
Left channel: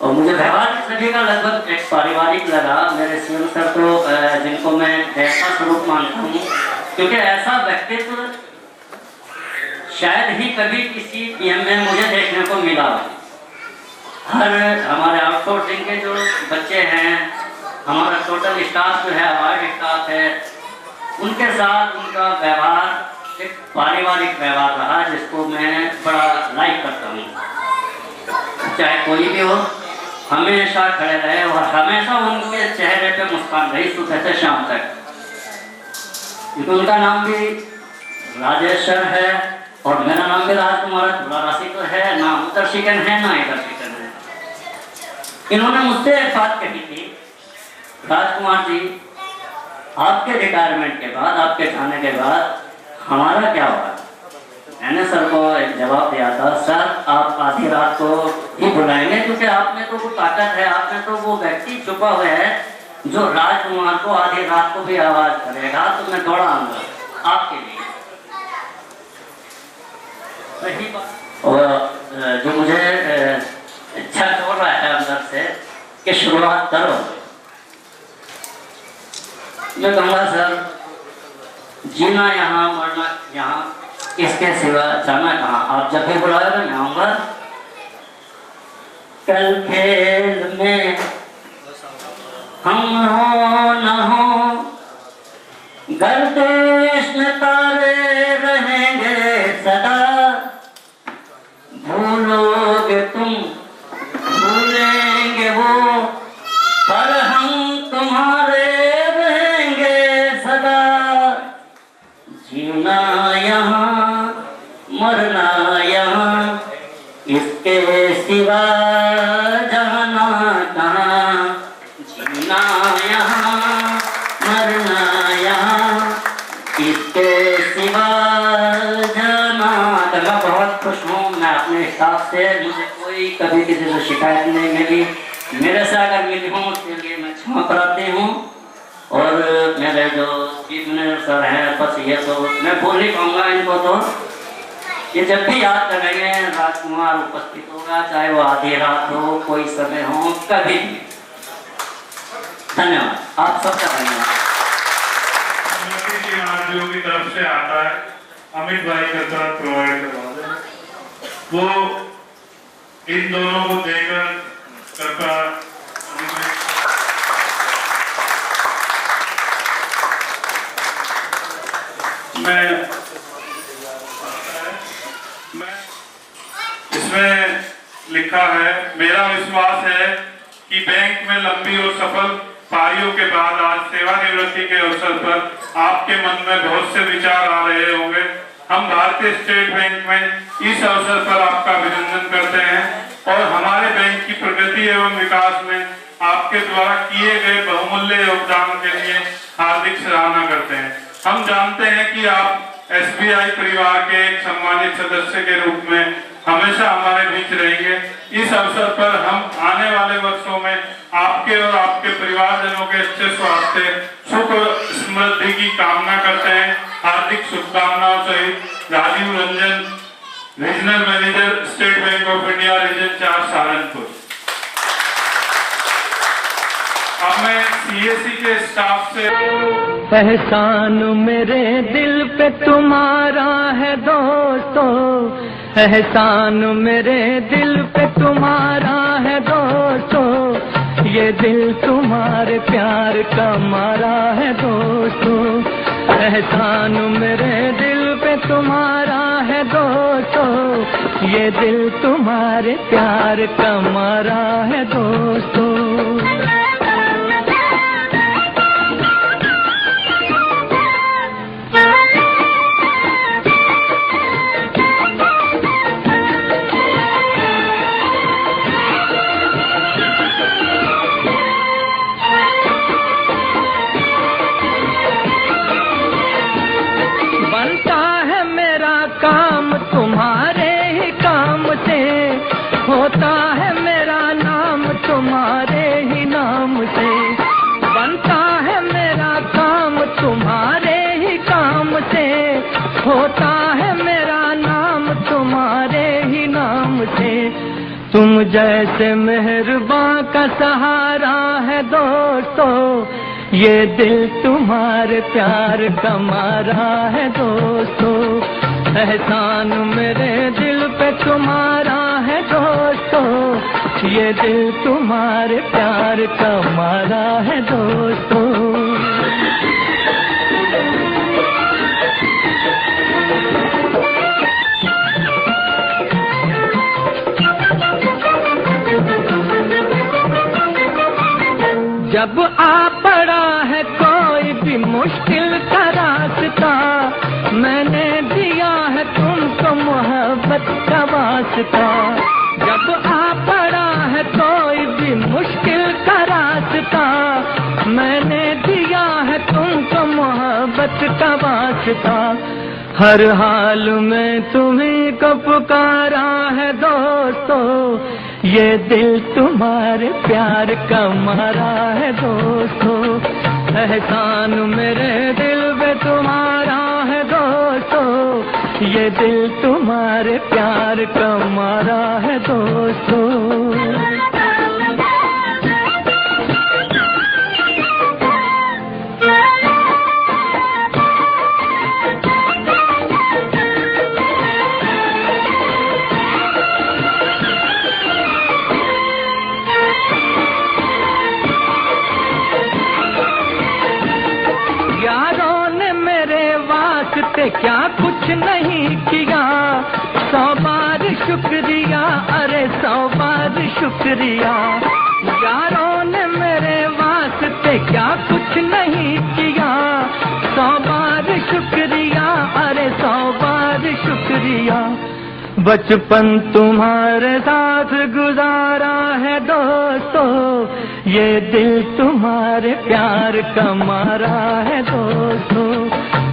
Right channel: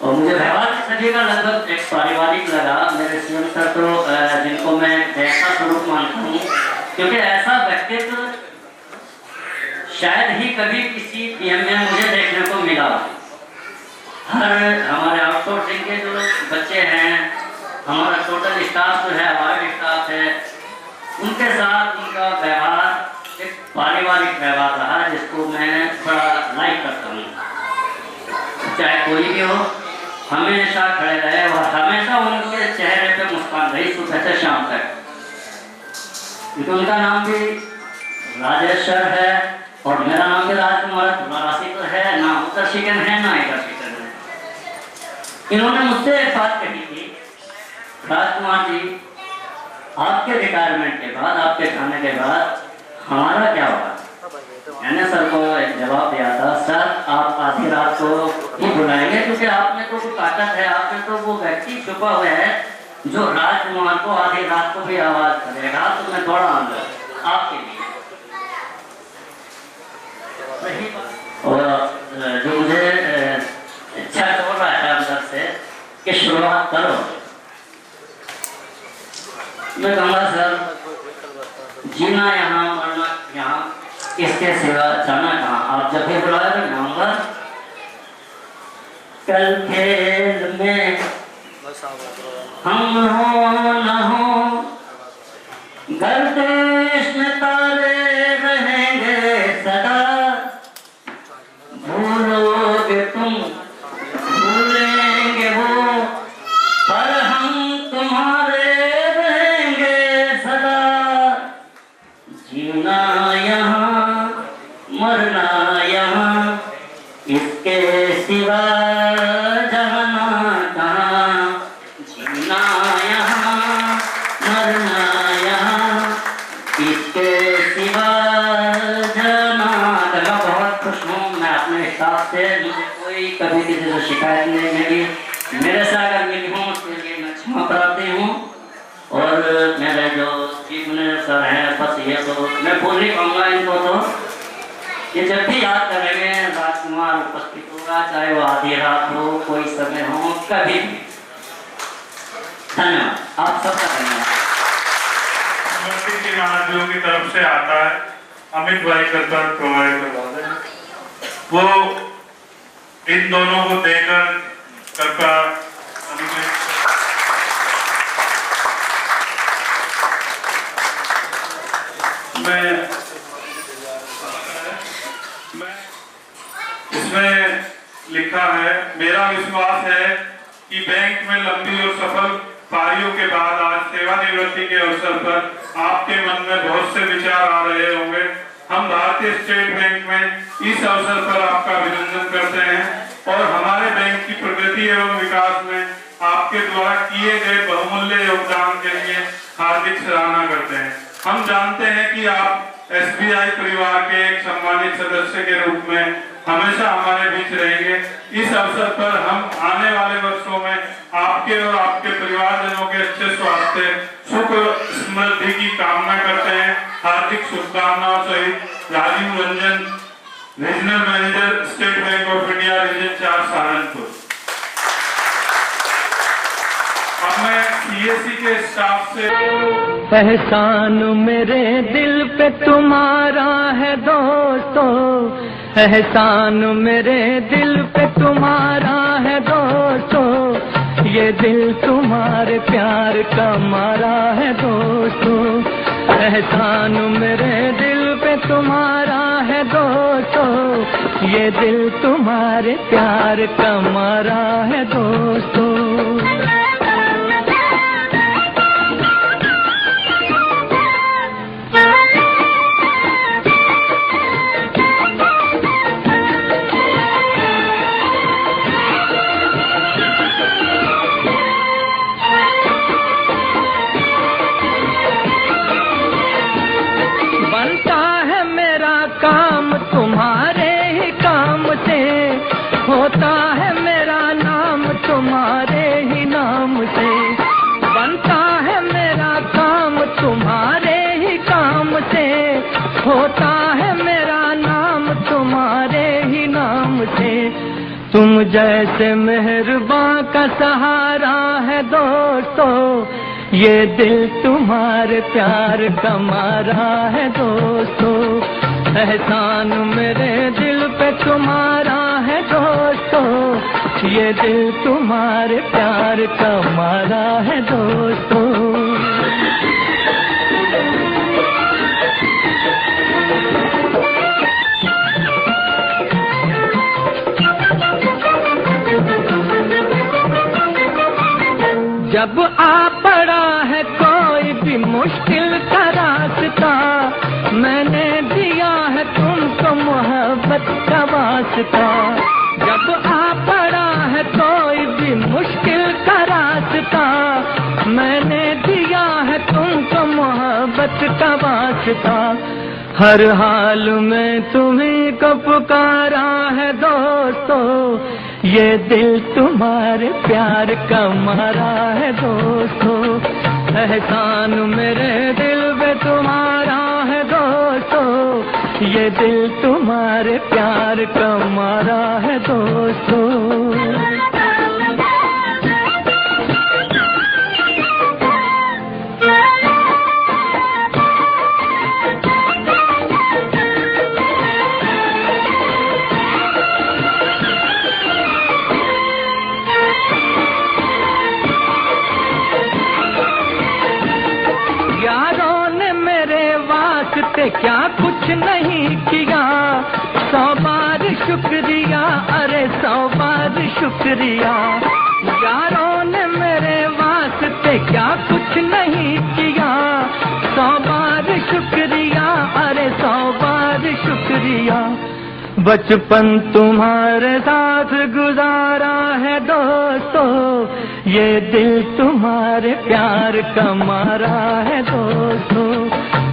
और मुझे व्यवहारिक सभी का लगभग एक पारिवारिक लगा। मेरे सीएम सर तो जिनको मैं ऐसा स्वरूप मानता हूँ, क्योंकि ऐसा व्यक्तित्व शायद ही कभी किसी पीएम में मुझे देखने को मिला। हर हमारे आउटसोर्सिंग के जो बच्चे हैं, हमारा टोटल स्टाफ जो है, हमारा स्टाफ है, उनके साथ उनका व्यवहार एक पारिवारिक व्यवहार रहा जिसको मैं बड़ा लाइक करता हूँ। चाहे कोई भी हो, हमेशा खड़े रहे और हमेशा उनके चेहरे पे मुस्कान रही सुबह से शाम तक। क्योंकि उनका नाम भी राजेश सर है और मेरा नाम भी राजकुमार, थोड़ा राशि तो है ना, उधर शिकन है ना इधर शिकन है। इन्होंने मुझसे एक बात कही थी, राजकुमार जी आपके रिटायरमेंट के बाद, आपके जाने के बाद हमारा क्या होगा? मैंने सर को एक जवाब दिया था, सर आप आधी रात को ही बुलाएंगे, क्योंकि आप में तो वो ताकत है, आप में तो वो व्यक्ति छुपा हुआ है जो राजकुमार को आधी रात को भी आवाज करेगा, तो मैं दौड़ा अंदर आपके लिए। और जो मुझे इच्छा हो रहा है अंदर से कि शुरुआत करो, मैं कहूँगा सर जीना यहाँ, मरना यहाँ, इसके सिवा जाना कहाँ। आप जब भी बुलाएगा मैं आऊँगा। कल खेल में हम हो न हो, गर्दिश में तारे रहेंगे सदा, भूलोगे तुम भूलेंगे वो, पर हम तुम्हारे रहेंगे सदा। जीना यहाँ मरना यहाँ, इसके सिवा जाना कहाँ। जीना यहाँ मरना यहाँ, इसके सिवा जाना। मैं बहुत खुश हूँ, मैं अपने स्टाफ से, मुझे कोई कभी किसी से शिकायत नहीं मिली। मेरे से अगर मिली हूँ उसके लिए मैं क्षमा कराती हूँ। और मेरे जो चीफ मिनिस्टर सर हैं, बस ये तो मैं बोल नहीं पाऊंगा इनको, तो ये जब भी याद करेंगे राजकुमार उपस्थित होगा, चाहे वो आधी रात हो, कोई समय हो, कभी भी। धन्यवाद, आप सबका धन्यवाद। महाराजियों की तरफ से आता है, अमित भाई का सर प्रोवाइड करवा दें, वो इन दोनों को देकर कृपया मैं इसमें लिखा है, मेरा विश्वास है कि बैंक में लंबी और सफल पारियों के बाद आज सेवानिवृत्ति के अवसर पर आपके मन में बहुत से विचार आ रहे होंगे। हम भारतीय स्टेट बैंक में इस अवसर पर आपका अभिनंदन करते हैं और हमारे बैंक की प्रगति एवं विकास में आपके द्वारा किए गए बहुमूल्य योगदान के लिए हार्दिक सराहना करते हैं। हम जानते हैं कि आप एसबीआई परिवार के एक सम्मानित सदस्य के रूप में हमेशा हमारे बीच रहेंगे। इस अवसर पर हम आने वाले वर्षों में आपके और आपके परिवारजनों के अच्छे स्वास्थ्य, सुख समृद्धि की कामना करते हैं। हार्दिक शुभकामनाओं सहित Rajeev Ranjan, regional manager, State Bank of India, region 4 Saharanpur. अब मैं सीएसी के स्टाफ से एहसान मेरे दिल पे तुम्हारा है दोस्तों, एहसान मेरे दिल पे तुम्हारा है दोस्तों, ये दिल तुम्हारे प्यार का मारा है दोस्तों, एहसान मेरे दिल पे तुम्हारा है दोस्तों, ये दिल तुम्हारे प्यार का मारा है दोस्तों। तुम्हारे ही काम से होता है मेरा नाम, तुम्हारे ही नाम तुम जैसे मेहरबान का सहारा है दोस्तों, ये दिल तुम्हारे प्यार का मारा है दोस्तों। एहसान मेरे दिल पे तुम्हारा है दोस्तों, ये दिल तुम्हारे प्यार का मारा है दोस्तों। जब आ पड़ा है कोई भी मुश्किल का रास्ता, मैंने दिया है तुमको मोहब्बत का वास्ता। जब आ पड़ा है कोई भी मुश्किल का रास्ता, मैंने दिया है तुमको मोहब्बत का वास्ता। हर हाल में तुम्हीं को पुकारा है दोस्तों, ये दिल तुम्हारे प्यार का मारा है दोस्तों। एहसान मेरे दिल पे तुम्हारा है दोस्तों, ये दिल तुम्हारे प्यार का मारा है दोस्तों। क्या कुछ नहीं किया, 100 बार शुक्रिया, अरे 100 बार शुक्रिया। यारों ने मेरे वास्ते क्या कुछ नहीं किया, 100 बार शुक्रिया, अरे 100 बार शुक्रिया। बचपन तुम्हारे साथ गुजारा है दोस्तों, ये दिल तुम्हारे प्यार का मारा है दोस्तों।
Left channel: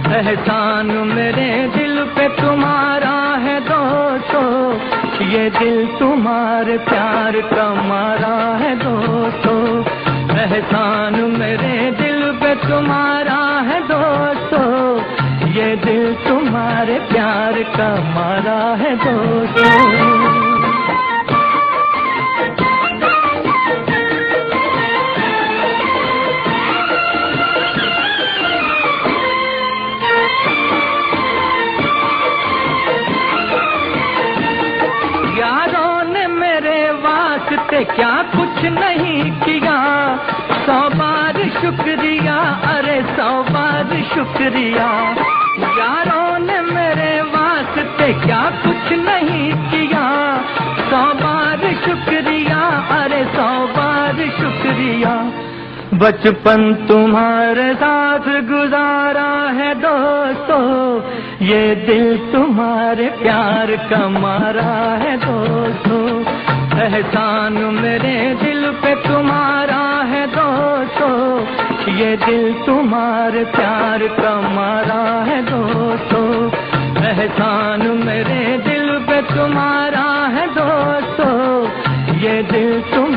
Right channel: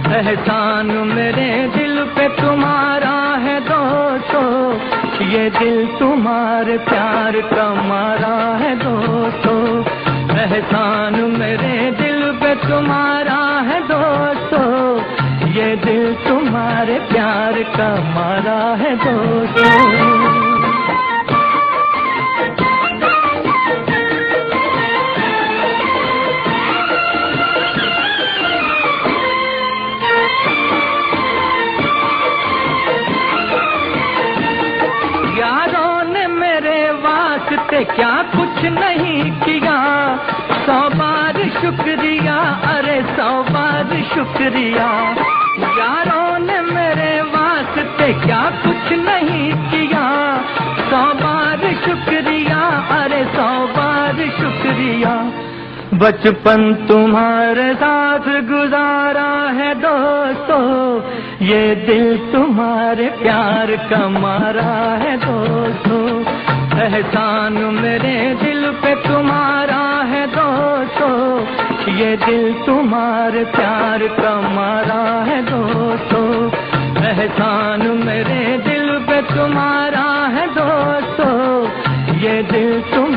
एहसान मेरे दिल पे तुम्हारा है दोस्तों, ये दिल तुम्हारे प्यार का मारा है दोस्तों। एहसान मेरे दिल पे तुम्हारा है दोस्तों, ये दिल तुम्हारे प्यार का मारा है दोस्तों। क्या कुछ नहीं किया, 100 बार शुक्रिया, अरे 100 बार शुक्रिया। यारों ने मेरे वास्ते क्या कुछ नहीं किया, 100 बार शुक्रिया, अरे 100 बार शुक्रिया। बचपन तुम्हारे साथ गुजारा है दोस्तों, ये दिल तुम्हारे प्यार का मारा है दोस्तों। एहसान मेरे दिल पे तुम्हारा है दोस्तों, ये दिल तुम्हारे प्यार का मारा है दोस्तों। एहसान मेरे दिल पे तुम्हारा है दोस्तों, ये दिल तुम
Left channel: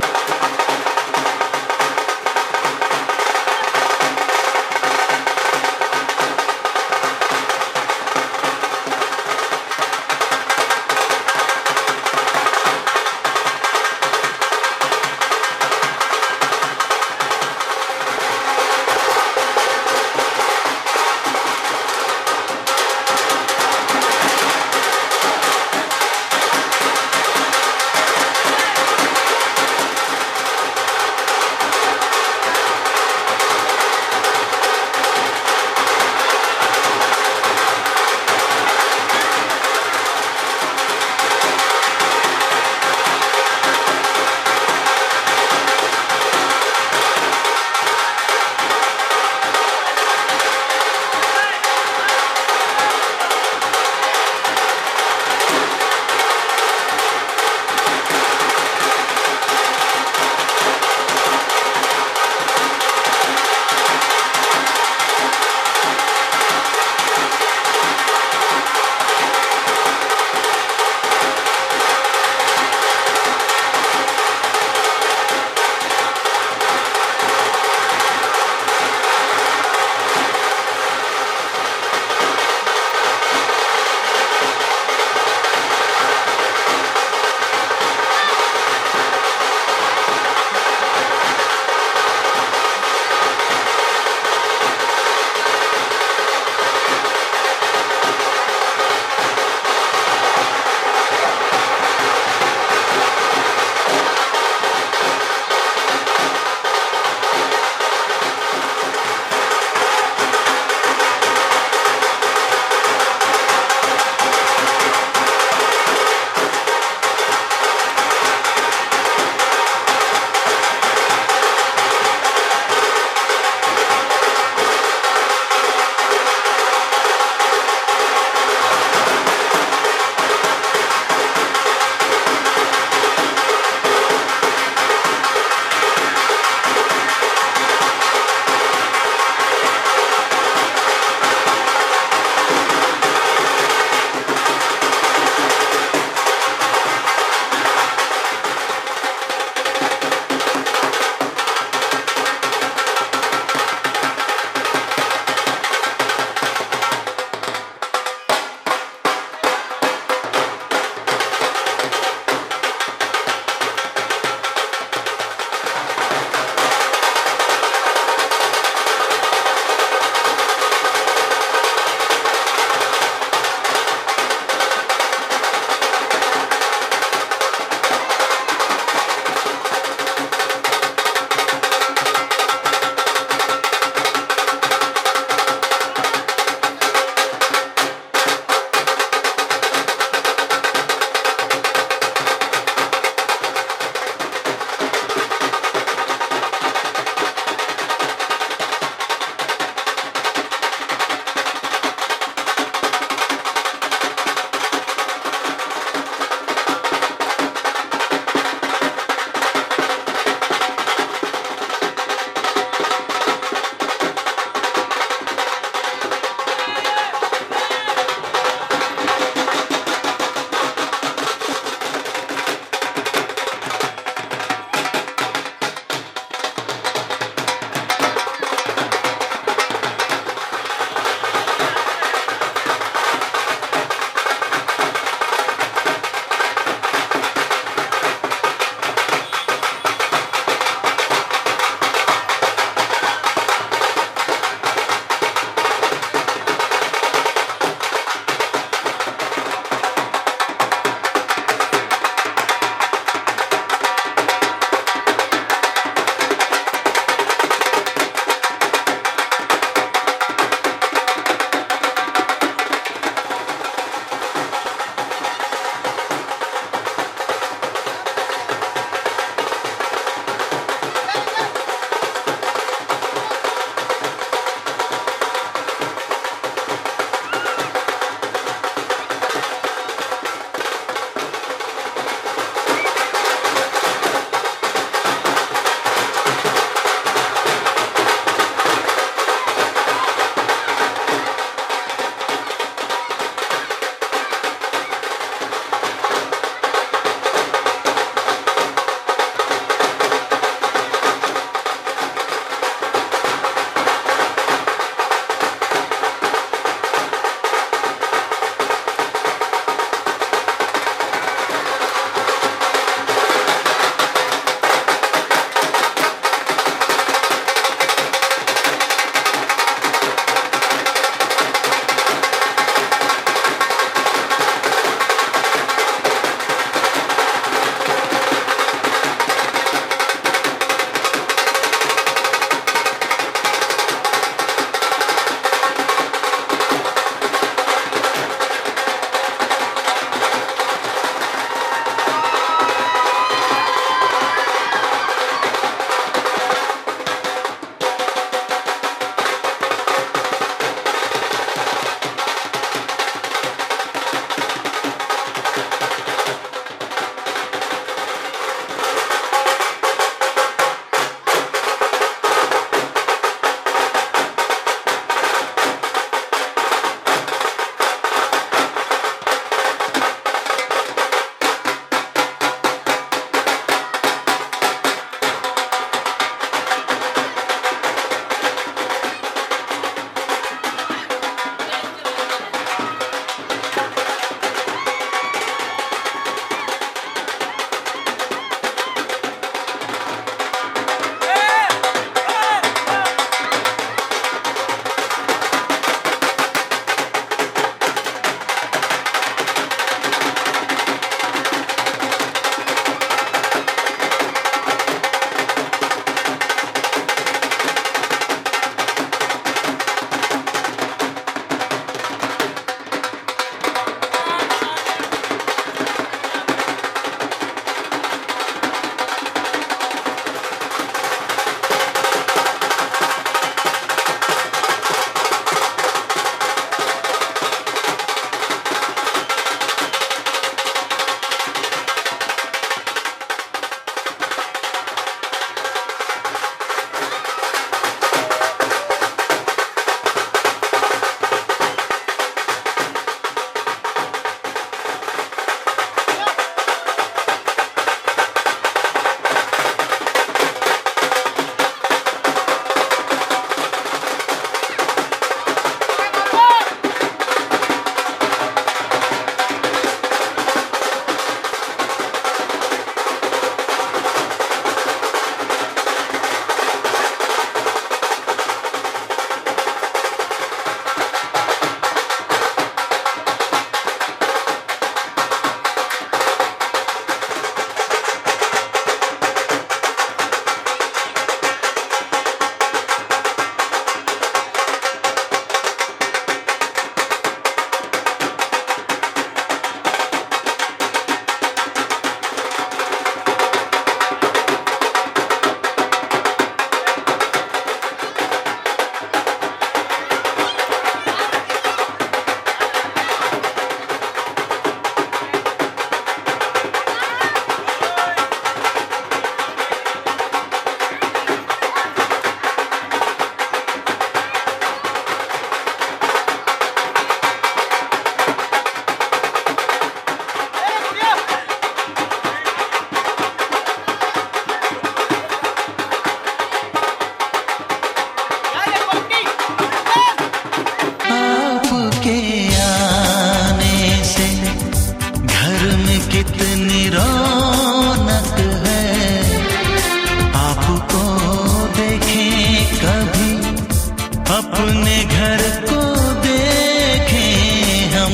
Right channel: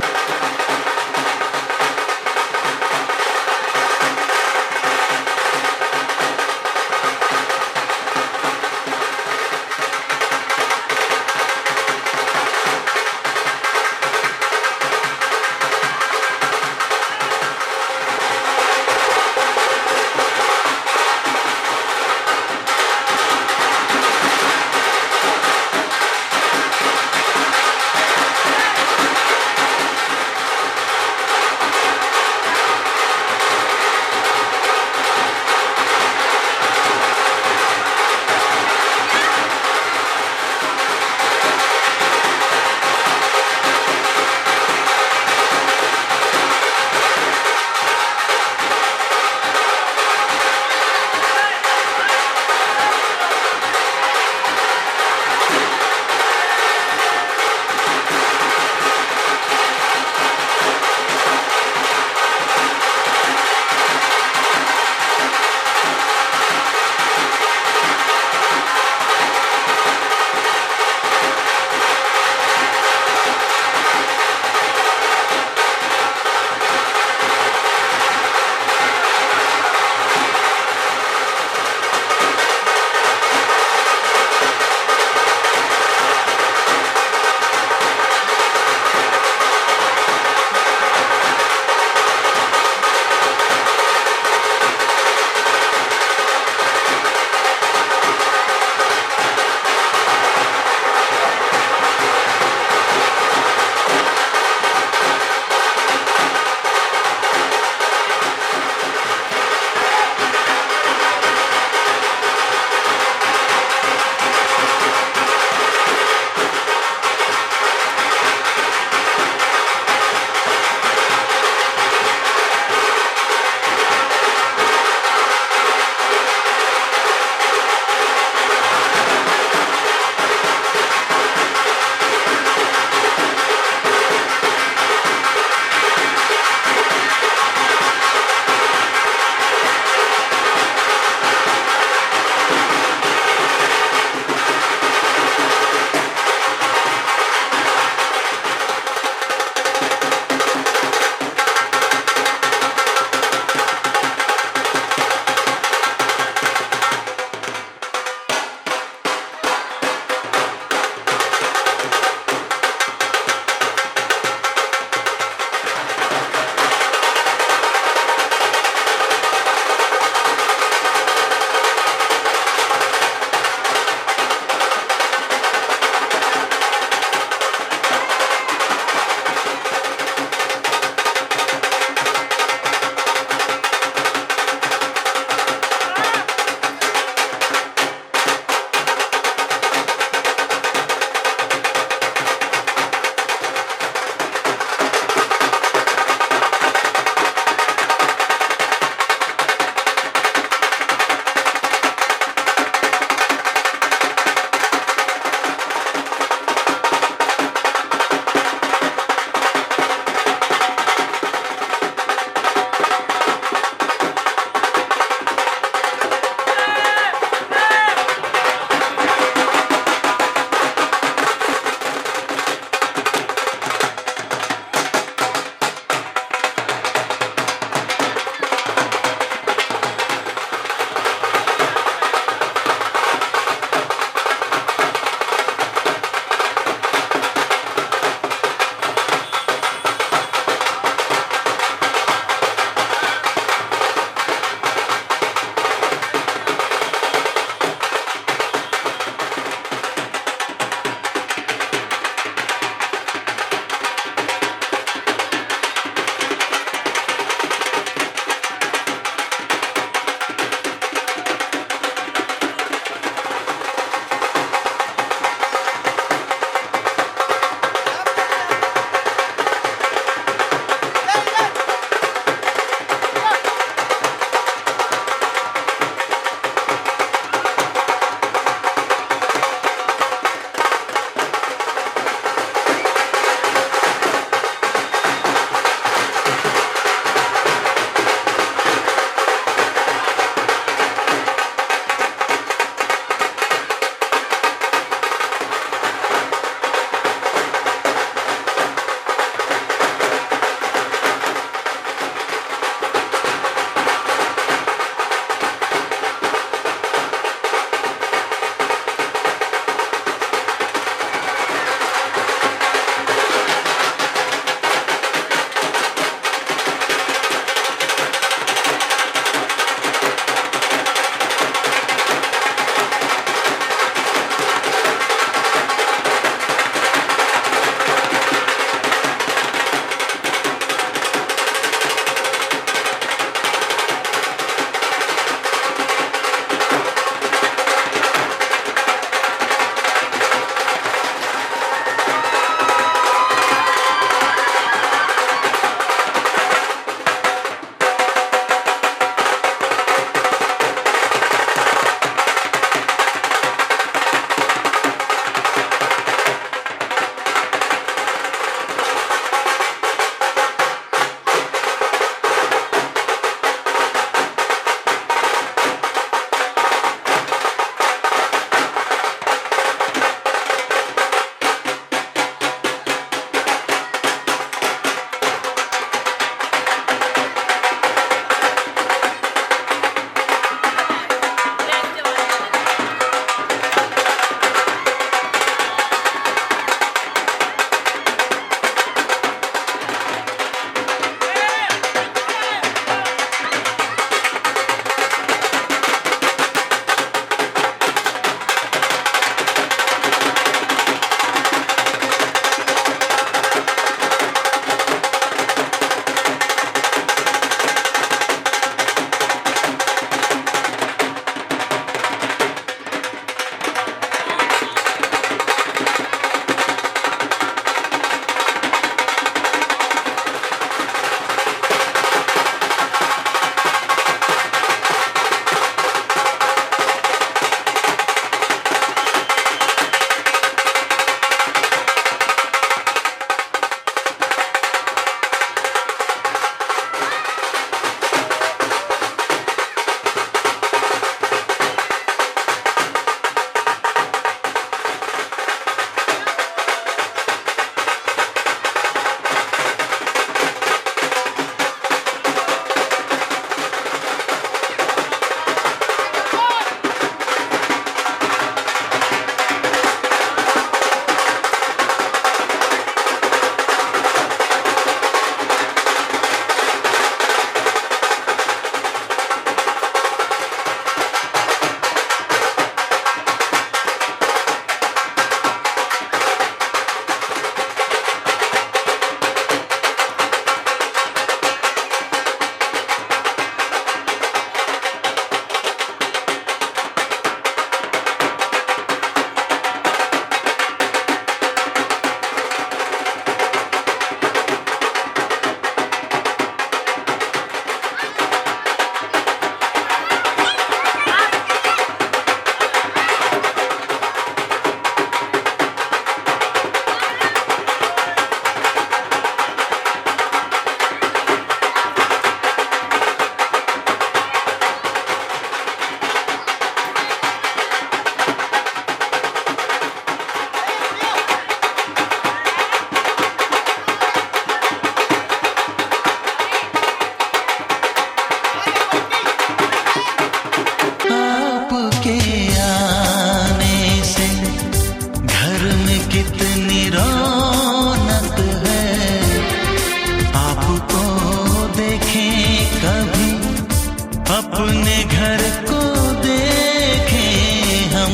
अपने घर को देखें हम।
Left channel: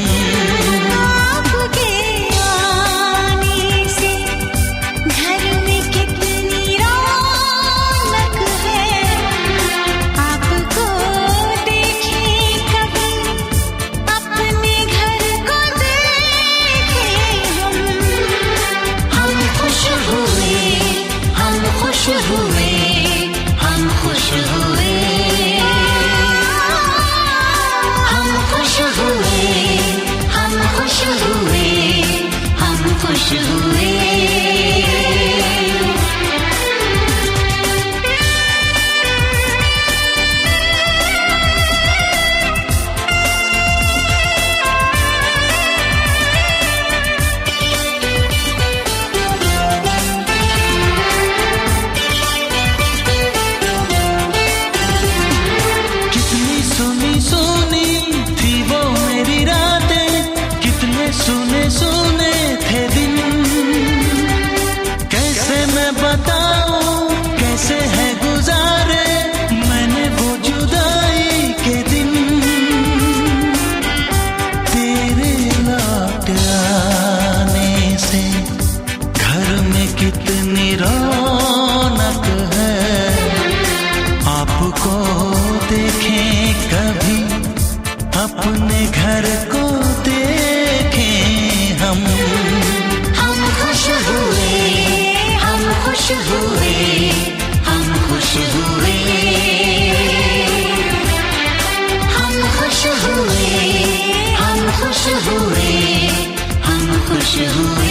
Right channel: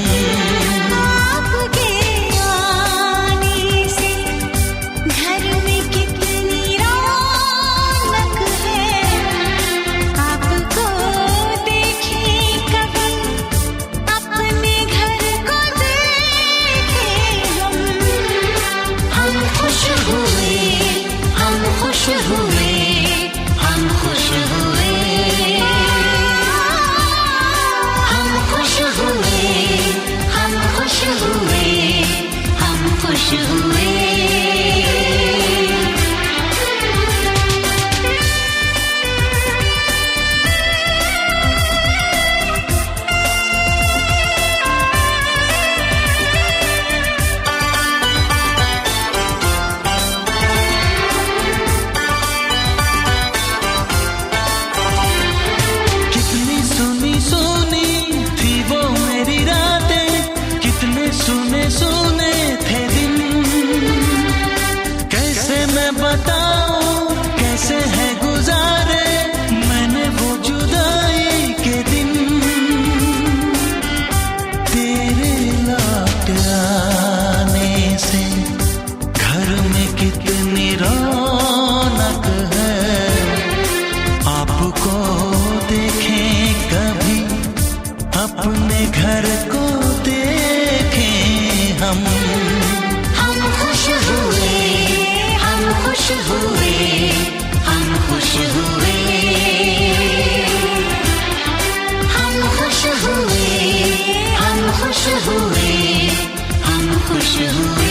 आपके आने से घर में कितनी रौनक है, आपको देखें कभी अपने घर को देखें हम। हम खुश हुए, हम खुश हुए, हम खुश हुए, हम खुश हुए, हम खुश हुए, हम खुश हुए। कितनी सुनी सुनी थी वो मेरी रातें, कितने सुने सुने थे दिन। कैसे मैं बताऊं कैसे है गुजारे मैंने वो जुदाई के दिन। तेरे लौट आने से घर में कितनी रौनक है, आपको देखें कभी अपने घर को देखें हम। हम खुश हुए, हम खुश हुए, हम खुश हुए, हम खुश हुए, हम खुश हुए, हम खुश हुए।